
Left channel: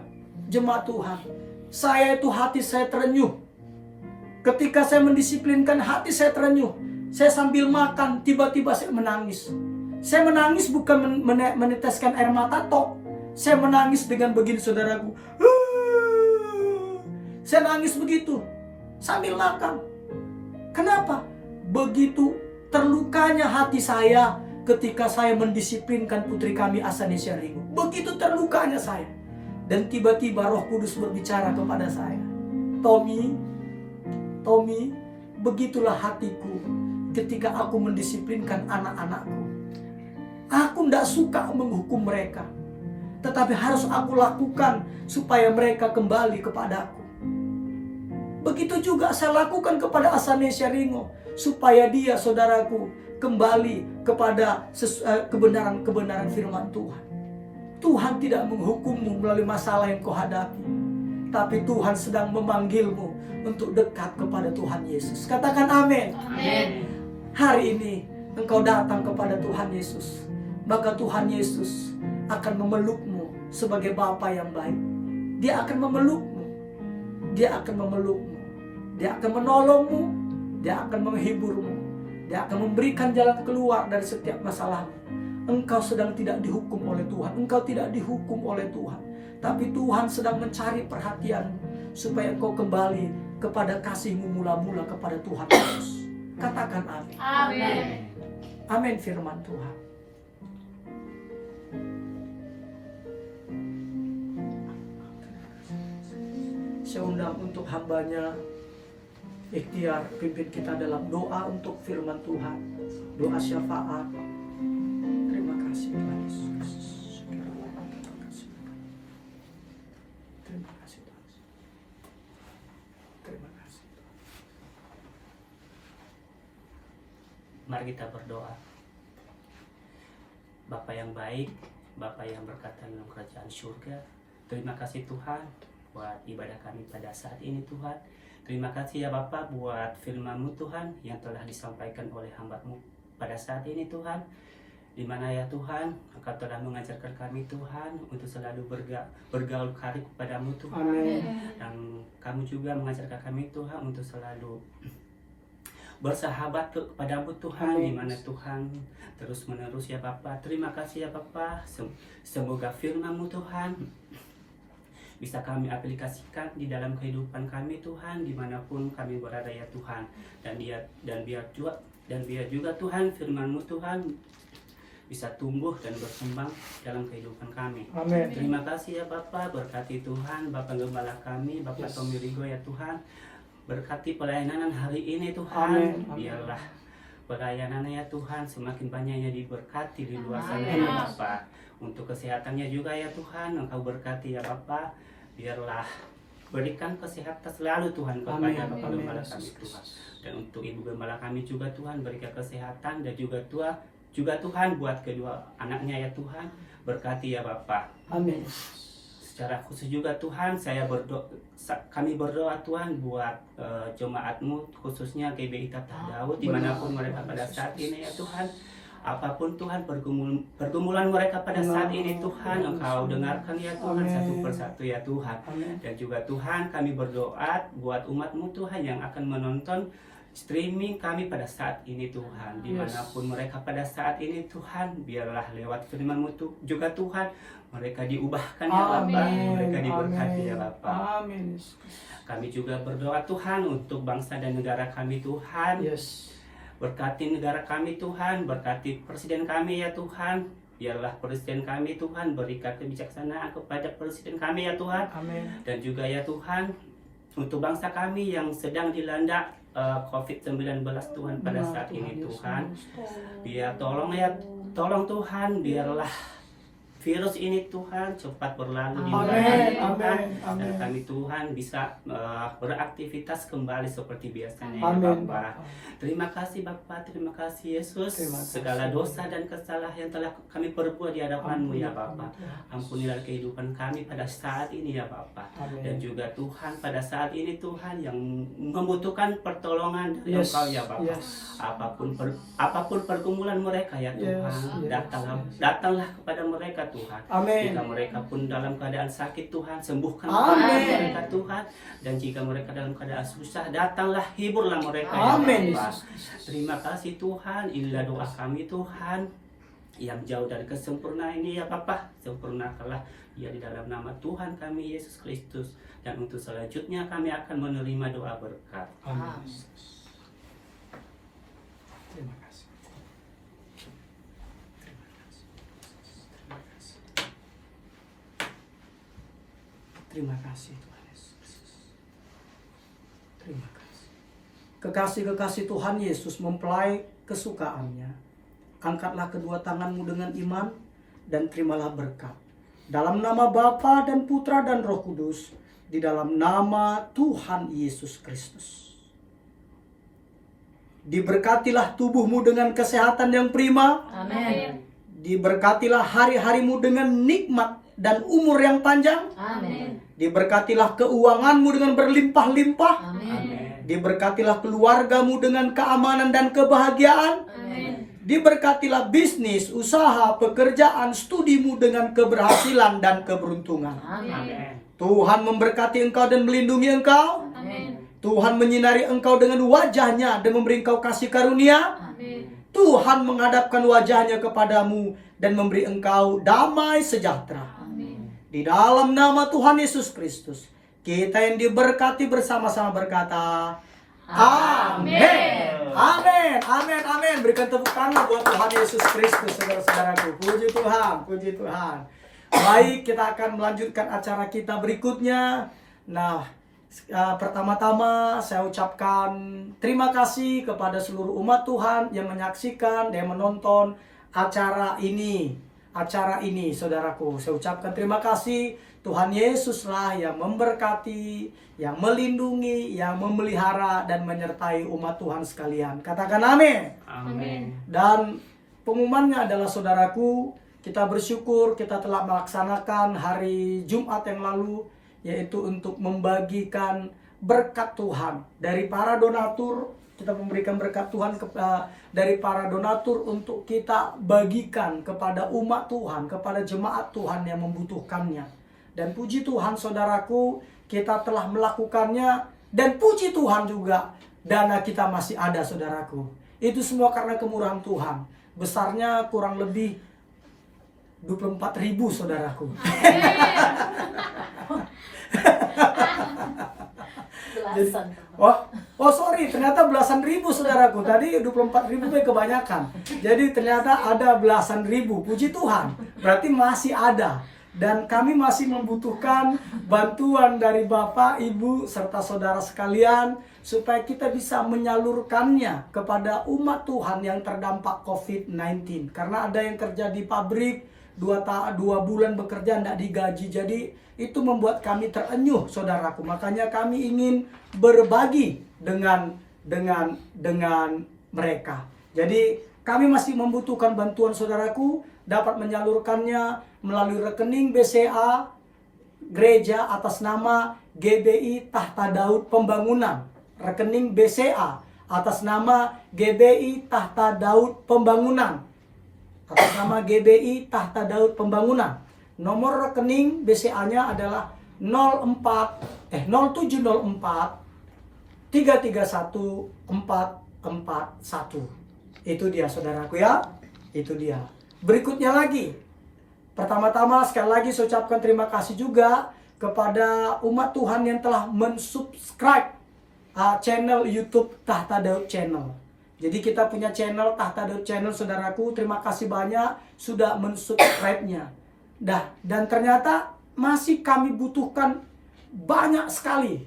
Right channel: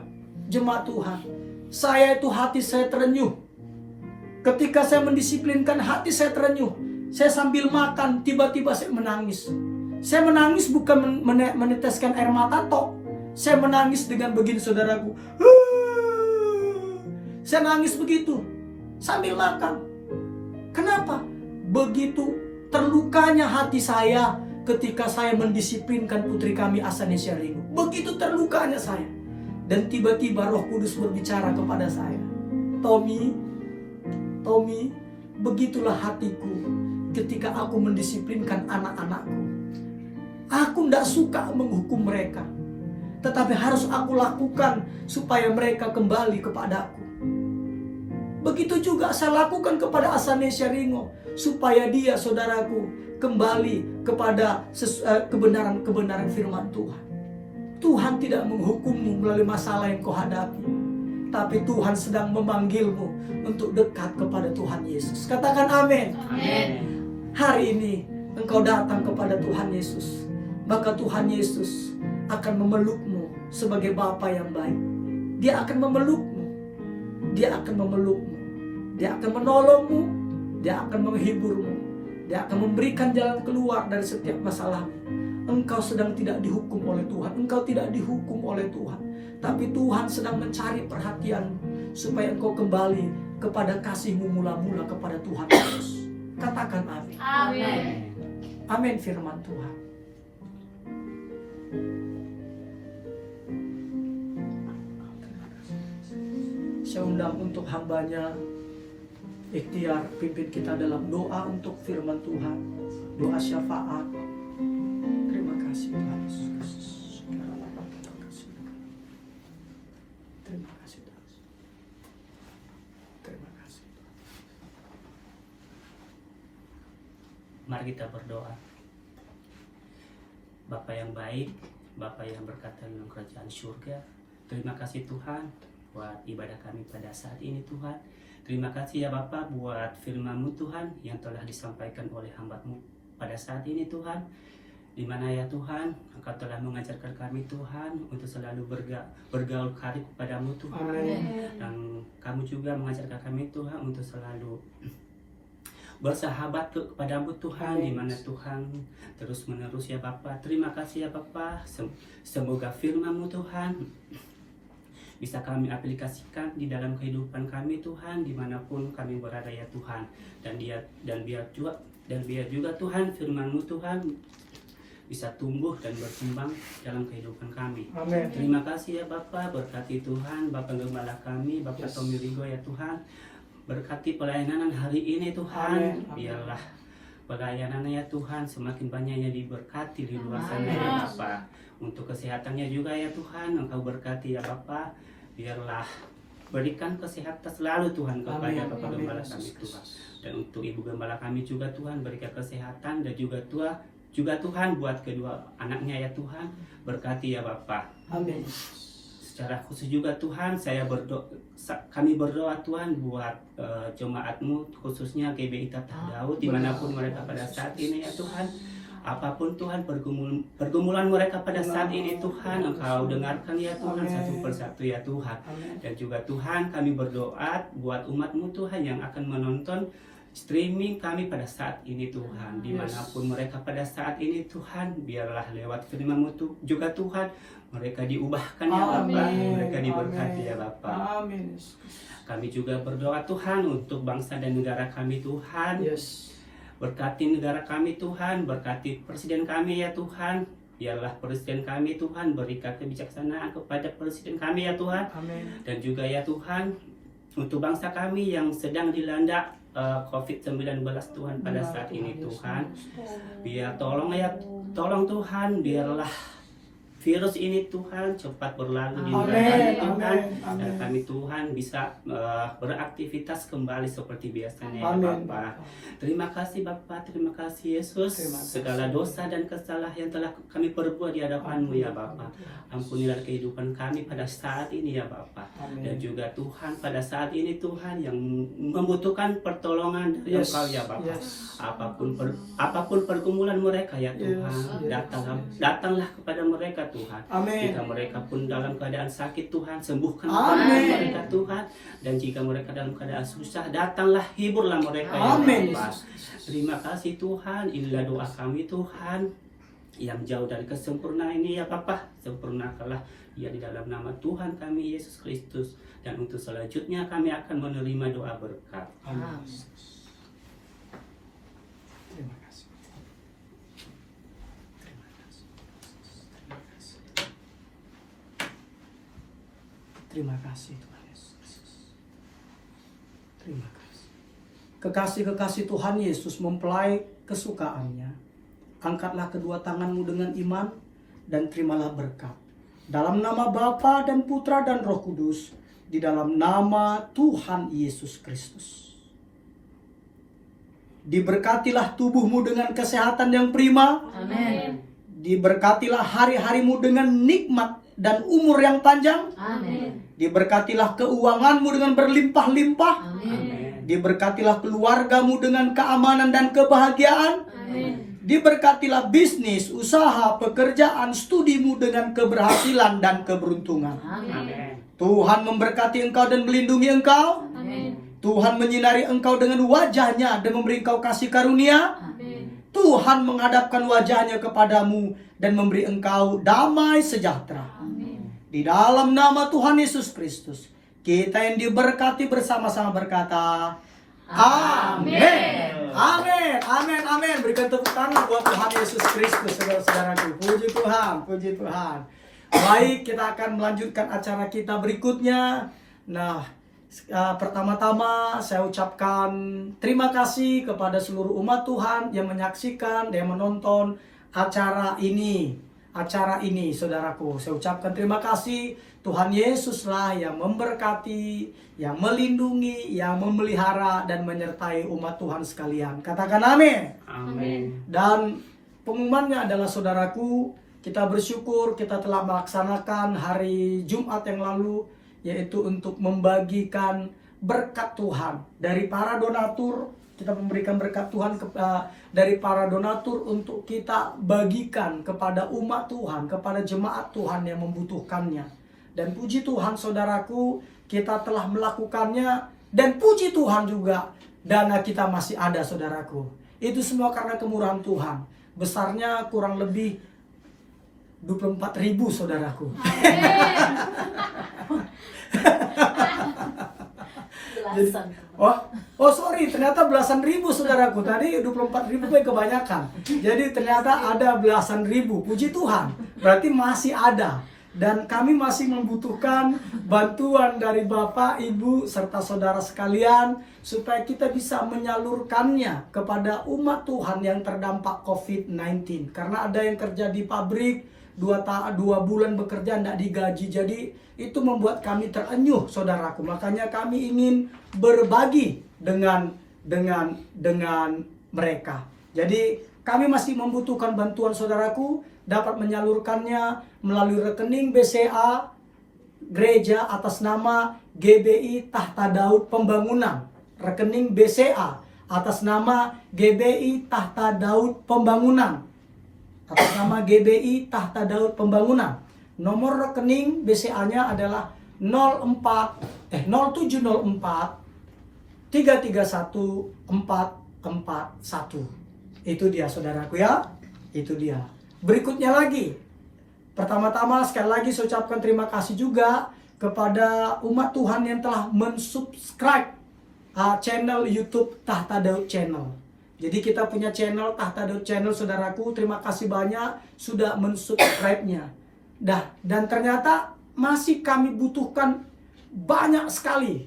jemaat Tuhan, saya itu hati saya terenyuh. Ketika saya mendisiplinkan, hati saya terenyuh. Saya sambil makan, tiba-tiba saya menangis. Saya menangis bukan meneteskan air mata tok. Saya menangis dengan begini, saudaraku. Saya nangis begitu sambil makan. Kenapa? Begitu terlukanya hati saya ketika saya mendisiplinkan putri kami Asani Syaringo. Begitu terlukanya saya. Dan tiba-tiba Roh Kudus berbicara kepada saya. Tommy, begitulah hatiku ketika aku mendisiplinkan anak-anakku. Aku tidak suka menghukum mereka, tetapi harus aku lakukan supaya mereka kembali kepadaku. Begitu juga saya lakukan kepada Asani Syaringo, supaya dia, saudaraku, kembali kepada kebenaran firman Tuhan. Tuhan tidak menghukummu melalui masalah yang kau hadapi, tapi Tuhan sedang memanggilmu untuk dekat kepada Tuhan Yesus. Katakan amin. Amin. Hari ini engkau datang kepada Tuhan Yesus, maka Tuhan Yesus akan memelukmu sebagai Bapa yang baik. Dia akan memelukmu. Dia akan memelukmu. Dia akan menolongmu. Dia akan menghiburmu. Dia akan memberikan jalan keluar dari setiap masalahmu. Engkau sedang tidak dihukum oleh Tuhan. Engkau tidak dihukum oleh Tuhan. Tapi Tuhan sedang mencari perhatianmu supaya engkau kembali kepada kasihmu mula-mula kepada Tuhan Yesus. Katakan amin. Amin. Amin firman Tuhan. Saya undang untuk hambanya Ikhtiar pimpin kita dalam doa untuk firman Tuhan, doa syafaat. Terima kasih Tuhan Yesus. Terima kasih Tuhan. Terima kasih. Mari kita berdoa. Bapa yang baik, Bapa yang berkata dalam kerajaan surga, terima kasih Tuhan buat ibadah kami pada saat ini Tuhan. Terima kasih ya Bapa buat firman-Mu Tuhan yang telah disampaikan oleh hamba-Mu pada saat ini Tuhan. Di mana ya Tuhan, Engkau telah mengajarkan kami Tuhan untuk selalu bergaul karib kepadamu Tuhan. Dan kamu juga mengajarkan kami Tuhan untuk selalu bersahabat kepadamu Tuhan, di mana Tuhan terus menerus ya Bapa. Terima kasih ya Bapa. Semoga firman-Mu Tuhan bisa kami aplikasikan di dalam kehidupan kami Tuhan, dimanapun kami berada ya Tuhan. Dan biar juga Tuhan firman-Mu Tuhan bisa tumbuh dan berkembang dalam kehidupan kami. Amin. Terima kasih ya Bapak, berkati Tuhan Bapak Gembala kami, Bapak Tommy Rigo ya Tuhan. Berkati pelayanan hari ini Tuhan. Amin. Biarlah pelayanannya ya Tuhan semakin banyaknya diberkati di luar sana ya Bapak. Untuk kesehatannya juga ya Tuhan, Engkau berkati ya Bapak. Biarlah berikan kesehatan selalu Tuhan kepada Amin. Bapak Amin. Gembala kami Tuhan. Dan untuk Ibu Gembala kami juga Tuhan, berikan kesehatan dan juga Tuhan buat kedua anaknya ya Tuhan, berkati ya Bapak. Amin. Secara khusus juga Tuhan, kami berdoa Tuhan buat jemaat-Mu, khususnya GBI Tatah Daud, dimanapun mereka pada saat ini ya Tuhan. Apapun Tuhan pergumulan mereka pada saat ini Tuhan, Engkau dengarkan ya Tuhan satu persatu ya Tuhan. Dan juga Tuhan, kami berdoa buat umat-Mu Tuhan yang akan menonton streaming kami pada saat ini Tuhan, dimanapun mereka pada saat ini Tuhan, biarlah lewat firman-Mu juga Tuhan, mereka diubahkan ya Bapa, mereka diberkati ya Bapa. Amin. Kami juga berdoa Tuhan untuk bangsa dan negara kami Tuhan. Yes. Berkati negara kami Tuhan, berkati presiden kami ya Tuhan. Biarlah presiden kami Tuhan, berikan kebijaksanaan kepada presiden kami ya Tuhan. Amin. Dan juga ya Tuhan, untuk bangsa kami yang sedang dilanda COVID-19 Tuhan pada saat ini Tuhan. Biar tolong Tuhan, biarlah virus ini Tuhan cepat berlalu di negara kami Tuhan. Dan kami Tuhan bisa beraktivitas kembali seperti biasanya ya Bapak. Terima kasih Bapak, terima kasih Yesus. Segala dosa dan kesalahan yang telah kami perbuat di hadapan-Mu ya Bapak. Ampunilah kehidupan kami pada saat ini ya Bapak. Dan juga Tuhan pada saat ini Tuhan yang membutuhkan pertolongan dari Engkau ya Bapak. Apapun pergumulan mereka ya Tuhan, datanglah kepada mereka Tuhan. Amin. Jika mereka pun dalam keadaan sakit Tuhan, sembuhkan mereka Tuhan. Dan jika mereka dalam keadaan susah, datanglah hiburlah mereka ya Bapa. Terima kasih Tuhan, inilah doa kami Tuhan yang jauh dari kesempurnaan ini ya Bapa. Sempurnakanlah ya di dalam nama Tuhan kami Yesus Kristus. Dan untuk selanjutnya kami akan menerima doa berkat. Amin. Terima kasih. Terima kasih Tuhan Yesus. Terima kasih. Kekasih-kekasih Tuhan Yesus mempelai kesukaannya. Angkatlah kedua tanganmu dengan iman dan terimalah berkat. Dalam nama Bapa dan Putra dan Roh Kudus, di dalam nama Tuhan Yesus Kristus. Diberkatilah tubuhmu dengan kesehatan yang prima. Amin. Diberkatilah hari-harimu dengan nikmat dan umur yang panjang. Amin. Diberkatilah keuanganmu dengan berlimpah-limpah. Amin. Diberkatilah keluargamu dengan keamanan dan kebahagiaan. Amin. Diberkatilah bisnis, usaha, pekerjaan, studimu dengan keberhasilan dan keberuntungan. Amin. Tuhan memberkati engkau dan melindungi engkau. Amin. Tuhan menyinari engkau dengan wajahnya dan memberi engkau kasih karunia. Amin. Tuhan menghadapkan wajahnya kepadamu dan memberi engkau damai sejahtera. Amin. Di dalam nama Tuhan Yesus Kristus, kita yang diberkati bersama-sama berkata, Amin. Amin. Amin. Amin. Berikan tepuk tangan buat Tuhan Yesus Kristus, saudara-saudaraku. Puji Tuhan. Puji Tuhan. Baik, kita akan melanjutkan acara kita berikutnya. Nah, pertama-tama saya ucapkan terima kasih kepada seluruh umat Tuhan yang menyaksikan dan menonton acara ini. Saudaraku, saya ucapkan terima kasih. Tuhan Yesuslah yang memberkati, yang melindungi, yang memelihara dan menyertai umat Tuhan sekalian. Katakan amin. Amin. Dan pengumumannya adalah saudaraku, kita bersyukur kita telah melaksanakan hari Jumat yang lalu, yaitu untuk membagikan berkat Tuhan dari para donatur. Kita memberikan berkat Tuhan dari para donatur untuk kita bagikan kepada umat Tuhan, kepada jemaat Tuhan yang membutuhkannya. Dan puji Tuhan saudaraku, kita telah melakukannya. Dan puji Tuhan juga, dana kita masih ada saudaraku. Itu semua karena kemurahan Tuhan. Besarnya kurang lebih 24.000 saudaraku. Jadi, sorry, ternyata belasan ribu saudaraku. Tadi 24.000 kebanyakan. Jadi ternyata ada belasan ribu. Puji Tuhan. Berarti masih ada. Dan kami masih membutuhkan bantuan dari Bapak, Ibu, serta saudara sekalian supaya kita bisa menyalurkannya kepada umat Tuhan yang terdampak COVID-19. Karena ada yang kerja di pabrik, dua bulan bekerja tidak digaji. Jadi itu membuat kami terenyuh, saudaraku. Makanya kami ingin berbagi dengan mereka. Jadi kami masih membutuhkan bantuan saudaraku, dapat menyalurkannya melalui rekening BCA gereja atas nama GBI Tahta Daud Pembangunan. Rekening BCA atas nama GBI Tahta Daud Pembangunan. Atas nama GBI Tahta Daud Pembangunan. Nomor rekening BCA-nya adalah 0704 331 441. Itu dia saudaraku ya. Itu dia. Berikutnya lagi. Pertama-tama sekali lagi saya ucapkan terima kasih juga kepada umat Tuhan yang telah mensubscribe channel YouTube Tahta Daud Channel. Jadi kita punya channel Tahta Daud Channel, saudaraku. Terima kasih banyak sudah mensubscribe-nya. Dan ternyata masih kami butuhkan banyak sekali.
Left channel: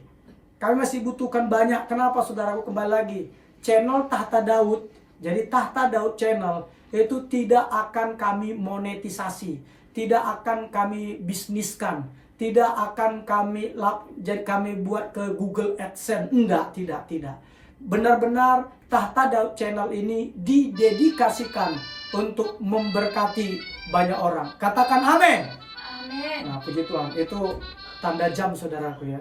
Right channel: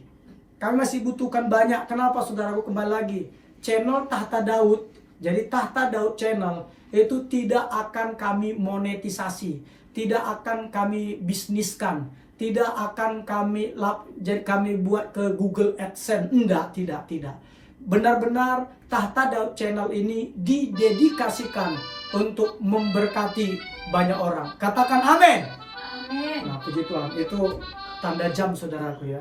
Kami masih butuhkan banyak. Kenapa saudaraku? Kembali lagi. Channel Tahta Daud. Jadi Tahta Daud Channel itu tidak akan kami monetisasi, tidak akan kami bisniskan, tidak akan kami buat ke Google AdSense. Tidak. Benar-benar Tahta Daud Channel ini didedikasikan untuk memberkati banyak orang. Katakan amin. Amin. Nah, puji Tuhan. Itu tanda jam saudaraku ya.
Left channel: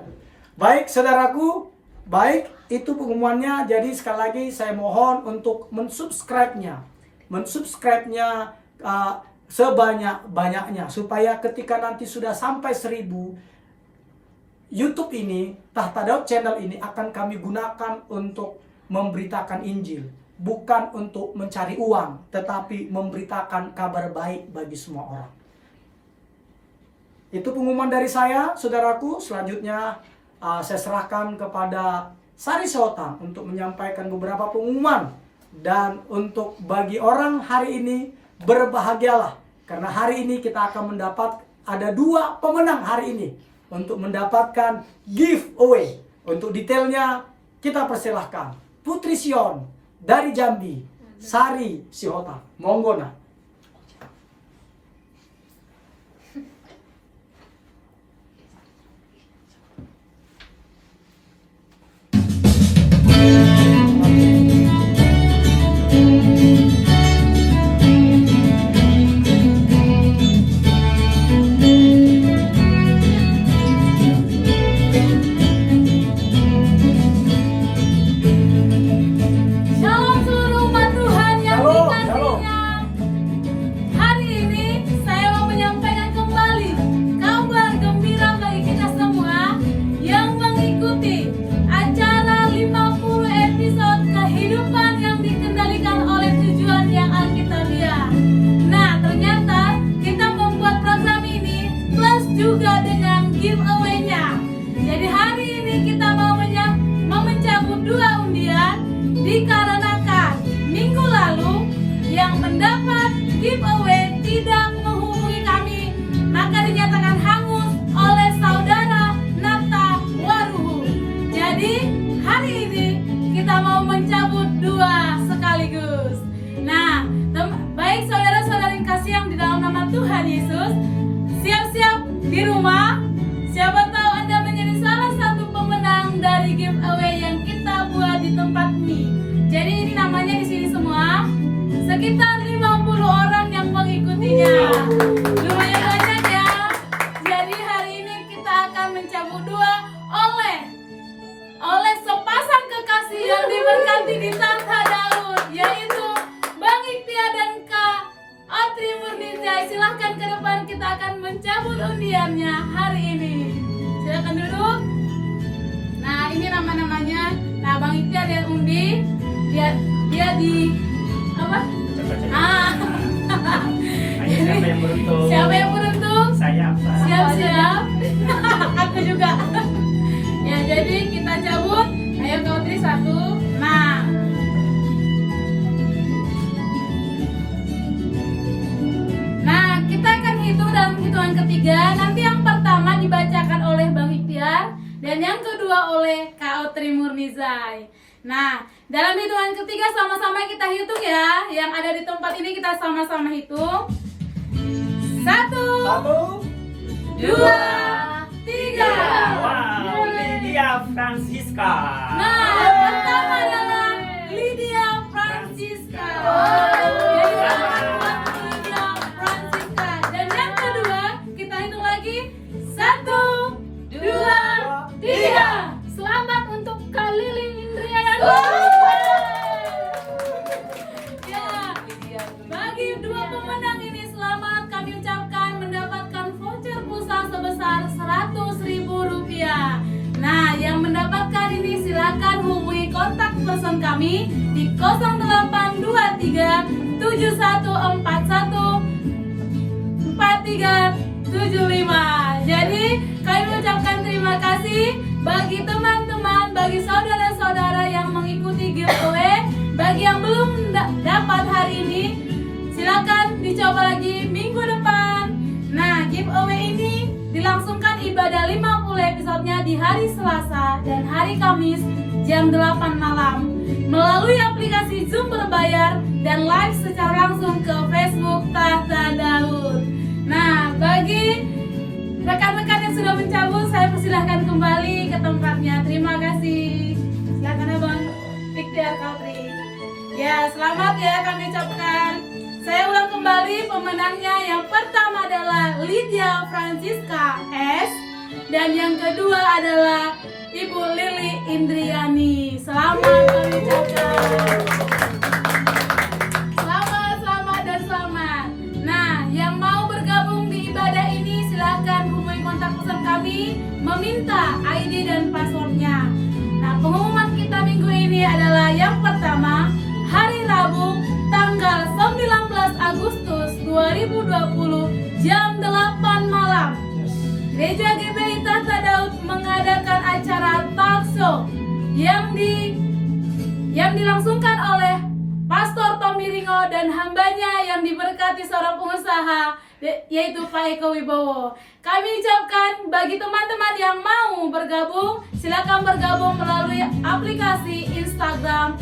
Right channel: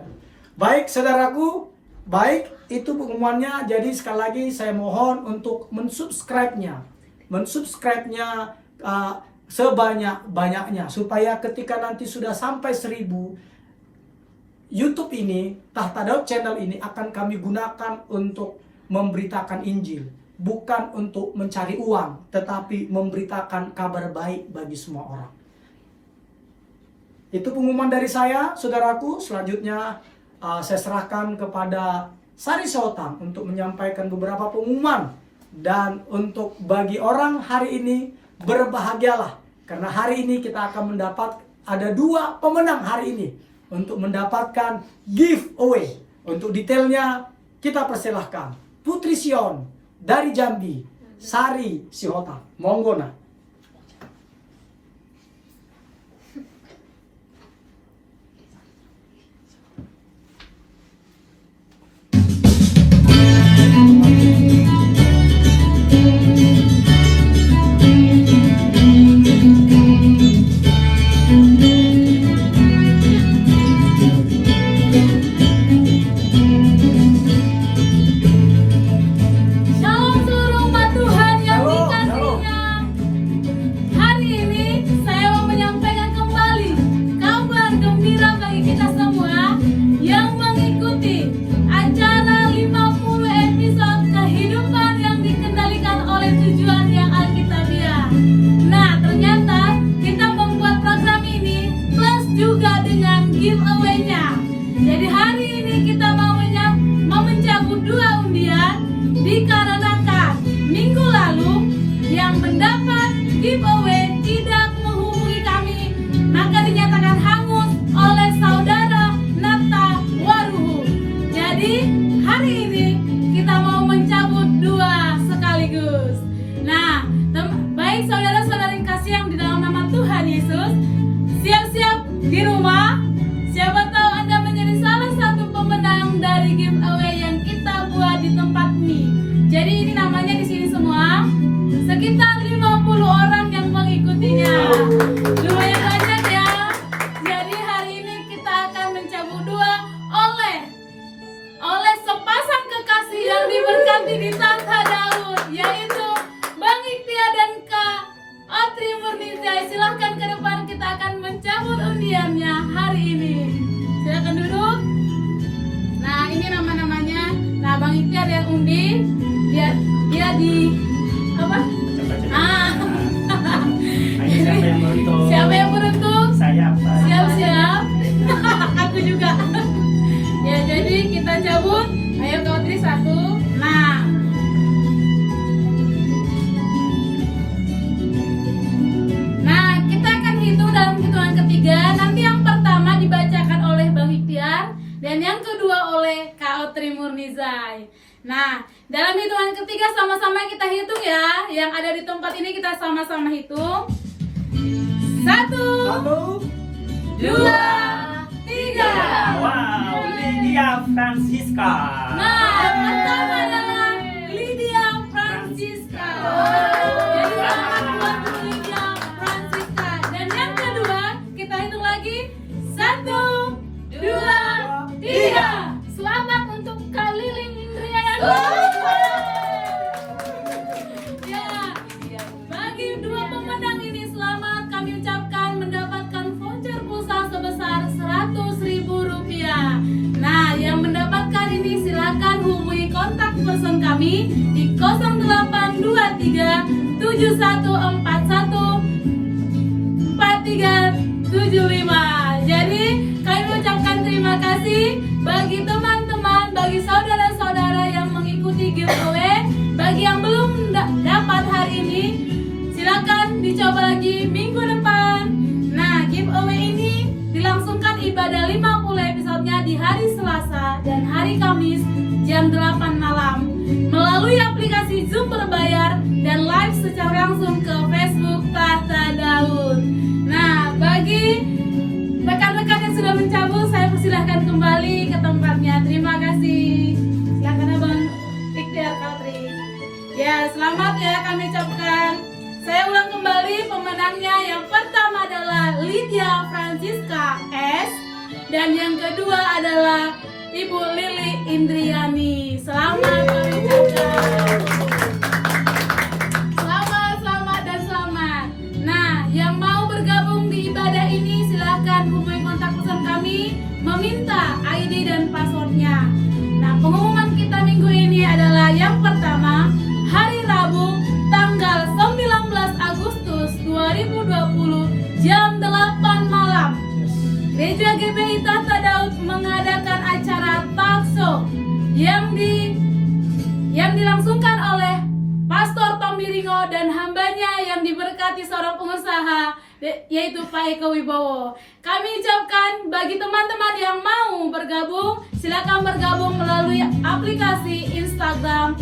Baik saudaraku, baik itu pengumumannya. Jadi sekali lagi saya mohon untuk mensubscribe-nya sebanyak-banyaknya, supaya ketika nanti sudah sampai 1000, YouTube ini, Tahta Daud Channel ini akan kami gunakan untuk memberitakan Injil, bukan untuk mencari uang, tetapi memberitakan kabar baik bagi semua orang. Itu pengumuman dari saya, saudaraku. Selanjutnya saya serahkan kepada Sari Sotang untuk menyampaikan beberapa pengumuman. Dan untuk bagi orang hari ini, berbahagialah, karena hari ini kita akan ada 2 pemenang hari ini untuk mendapatkan giveaway. Untuk detailnya kita persilahkan Putri Sion dari Jambi, Sari Sihota. Monggo nah. Shalom seluruh umat Tuhan yang dikasihinya. Hari ini saya mau menyampaikan kembali kabar gembira bagi kita semua yang mengikuti acara 50 episode kehidupan yang dikendalikan oleh tujuan yang alkitabiah. Nah, ternyata kita membuat program ini plus juga dengan giveaway-nya. Jadi hari ini kita mau mencabut 2 undian, dikarenakan minggu lalu yang mendapat giveaway tidak menghubungi kami, maka dinyatakan hangus oleh saudara Nakta Waruhu. Jadi hari ini kita mau mencabut 2 sekaligus. Nah, baik saudara-saudara yang kasih yang di dalam nama Tuhan Yesus, siap-siap di rumah. Siapa tahu Anda menjadi salah satu pemenang dari giveaway yang kita buat di tempat ini. Jadi ini namanya di sini semua sekitar 50 orang yang mengikutinya. Lumayan banyak ya. Jadi hari ini kita akan mencabut 2 oleh sepasang kekasih yang diberkati di Tahta Daud, yaitu Bang Ikhtiar dan Kak Otri Murnizai. Silahkan ke depan, kita akan mencabut undiannya hari ini. Silahkan duduk. Nah, ini nama-namanya. Nah, Bang Ikhtiar yang undi, dia di apa? Ayo, siapa yang beruntung? Siapa yang beruntung? Saya apa? Siap-siap. Aku juga. Ya, jadi kita cabut. Ayo Kak Otri 1. Nah. Nah, kita akan hitung dalam hitungan ketiga. Nanti yang pertama dibacakan oleh Bang Ikhtiar dan yang kedua oleh Kak Otri Murnizai. Nah, dalam hitungan ketiga sama-sama kita hitung ya. Yang ada di tempat ini kita sama-sama hitung. 1, 1, 2, 3. Wow, Lydia Francisca. Nah, yang pertama adalah Lydia Francisca. Jadi selamat buat Lydia Francisca. Dan yang kedua, kita hitung lagi. 1, 2, 3. Selamat untuk Kak Liling Indriani. Ya, bagi dua pemenang ini selamat kami ucapkan mendapatkan voucher pulsa sebesar Rp100.000. Nah, yang mendapatkan ini silakan hubungi kontak person kami di 0823 7141 4375. Jadi kami ucapkan terima kasih bagi teman-teman, bagi saudara-saudara yang mengikuti giveaway. Bagi yang belum dapat hari ini, silakan dicoba lagi minggu depan. Nah, giveaway ini dilangsungkan ibadah 50 episodenya di hari Selasa dan hari Kamis jam 8 malam melalui aplikasi Zoom berbayar dan live secara langsung ke Facebook Tahta Daud. Nah, bagi rekan-rekan yang sudah mencabut, saya persilahkan kembali ke tempatnya. Terima kasih. Silakan Abang Ikhtiar Katri. Ya, selamat ya kami ucapkan. Saya ulang kembali pemenangnya. Yang pertama adalah Lydia Francisca S. Dan yang kedua adalah Ibu Lili Indriani. Selamat kami ucapkan. Selamat dan selamat. Nah, yang mau bergabung di ibadah ini silahkan hubungi kontak person kami, meminta ID dan passwordnya. Nah, pengumuman kita minggu ini adalah yang pertama, hari Rabu tanggal 19 Agustus 2020 jam 8 malam. Gereja GBI Tahta Daud mengadakan acara talkshow yang dilangsungkan oleh Pastor Tommy Ringo dan hambanya yang diberkati seorang pengusaha yaitu Pak Eko Wibowo. Kami ucapkan bagi teman-teman yang mau bergabung, silakan bergabung melalui aplikasi Instagram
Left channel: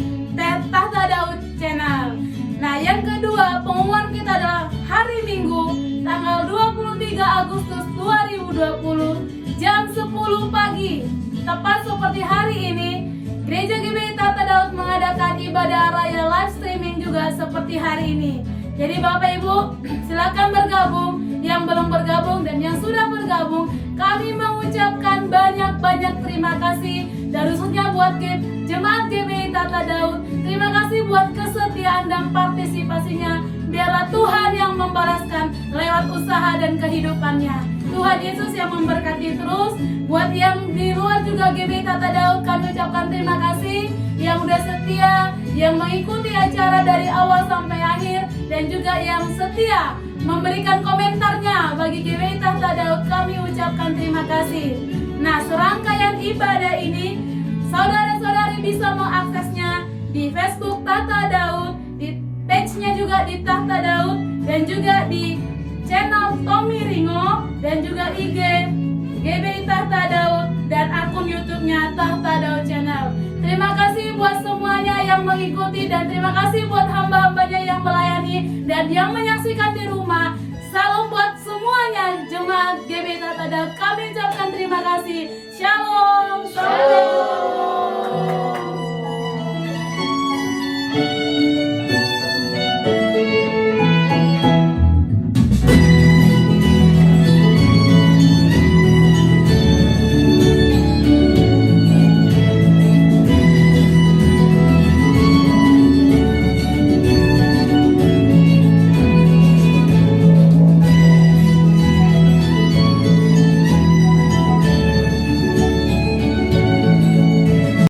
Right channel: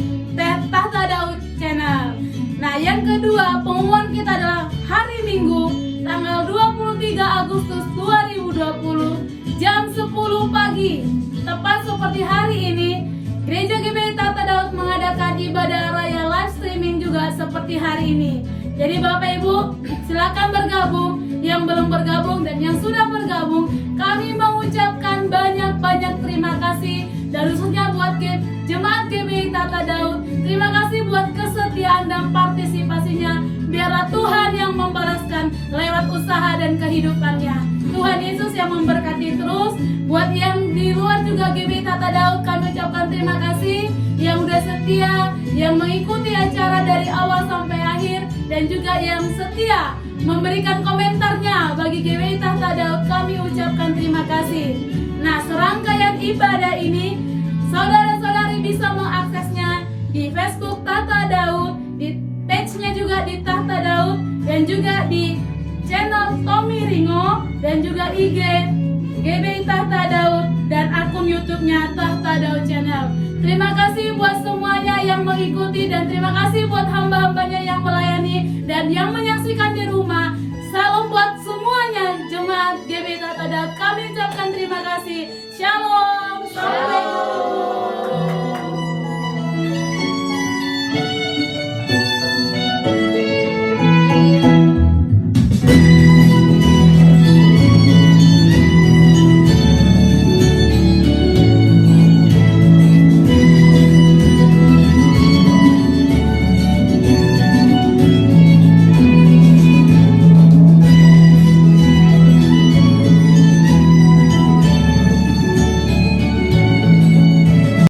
Tahta Daud Channel. Nah, yang kedua, pengumuman kita adalah hari Minggu tanggal 23 Agustus 2020 jam 10 pagi. Tepat seperti hari ini, Gereja GBI Tahta Daud mengadakan ibadah raya live streaming juga seperti hari ini. Jadi Bapak Ibu, silakan bergabung. Yang belum bergabung dan yang sudah bergabung, kami mengucapkan banyak-banyak terima kasih. Dan khususnya buat Jemaat GBI Tahta Daud, terima kasih buat kesetiaan dan partisipasinya. Biarlah Tuhan yang membalaskan lewat usaha dan kehidupannya. Tuhan Yesus yang memberkati terus. Buat yang di luar juga GBI Tahta Daud, kami ucapkan terima kasih yang udah setia, yang mengikuti acara dari awal sampai akhir, dan juga yang setia memberikan komentarnya bagi GBI Tahta Daud. Kami ucapkan terima kasih. Nah, serangkaian ibadah ini saudara-saudari bisa mengaksesnya di Facebook Tahta Daud, di page-nya juga di Tahta Daud, dan juga di channel Tommy Ringo, dan juga IG GBI Tahta Daud, dan akun YouTube-nya Tahta Daud Channel. Terima kasih buat semuanya yang mengikuti, dan terima kasih buat hamba-hambanya yang melayani dan yang menyaksikan di rumah. Salam buat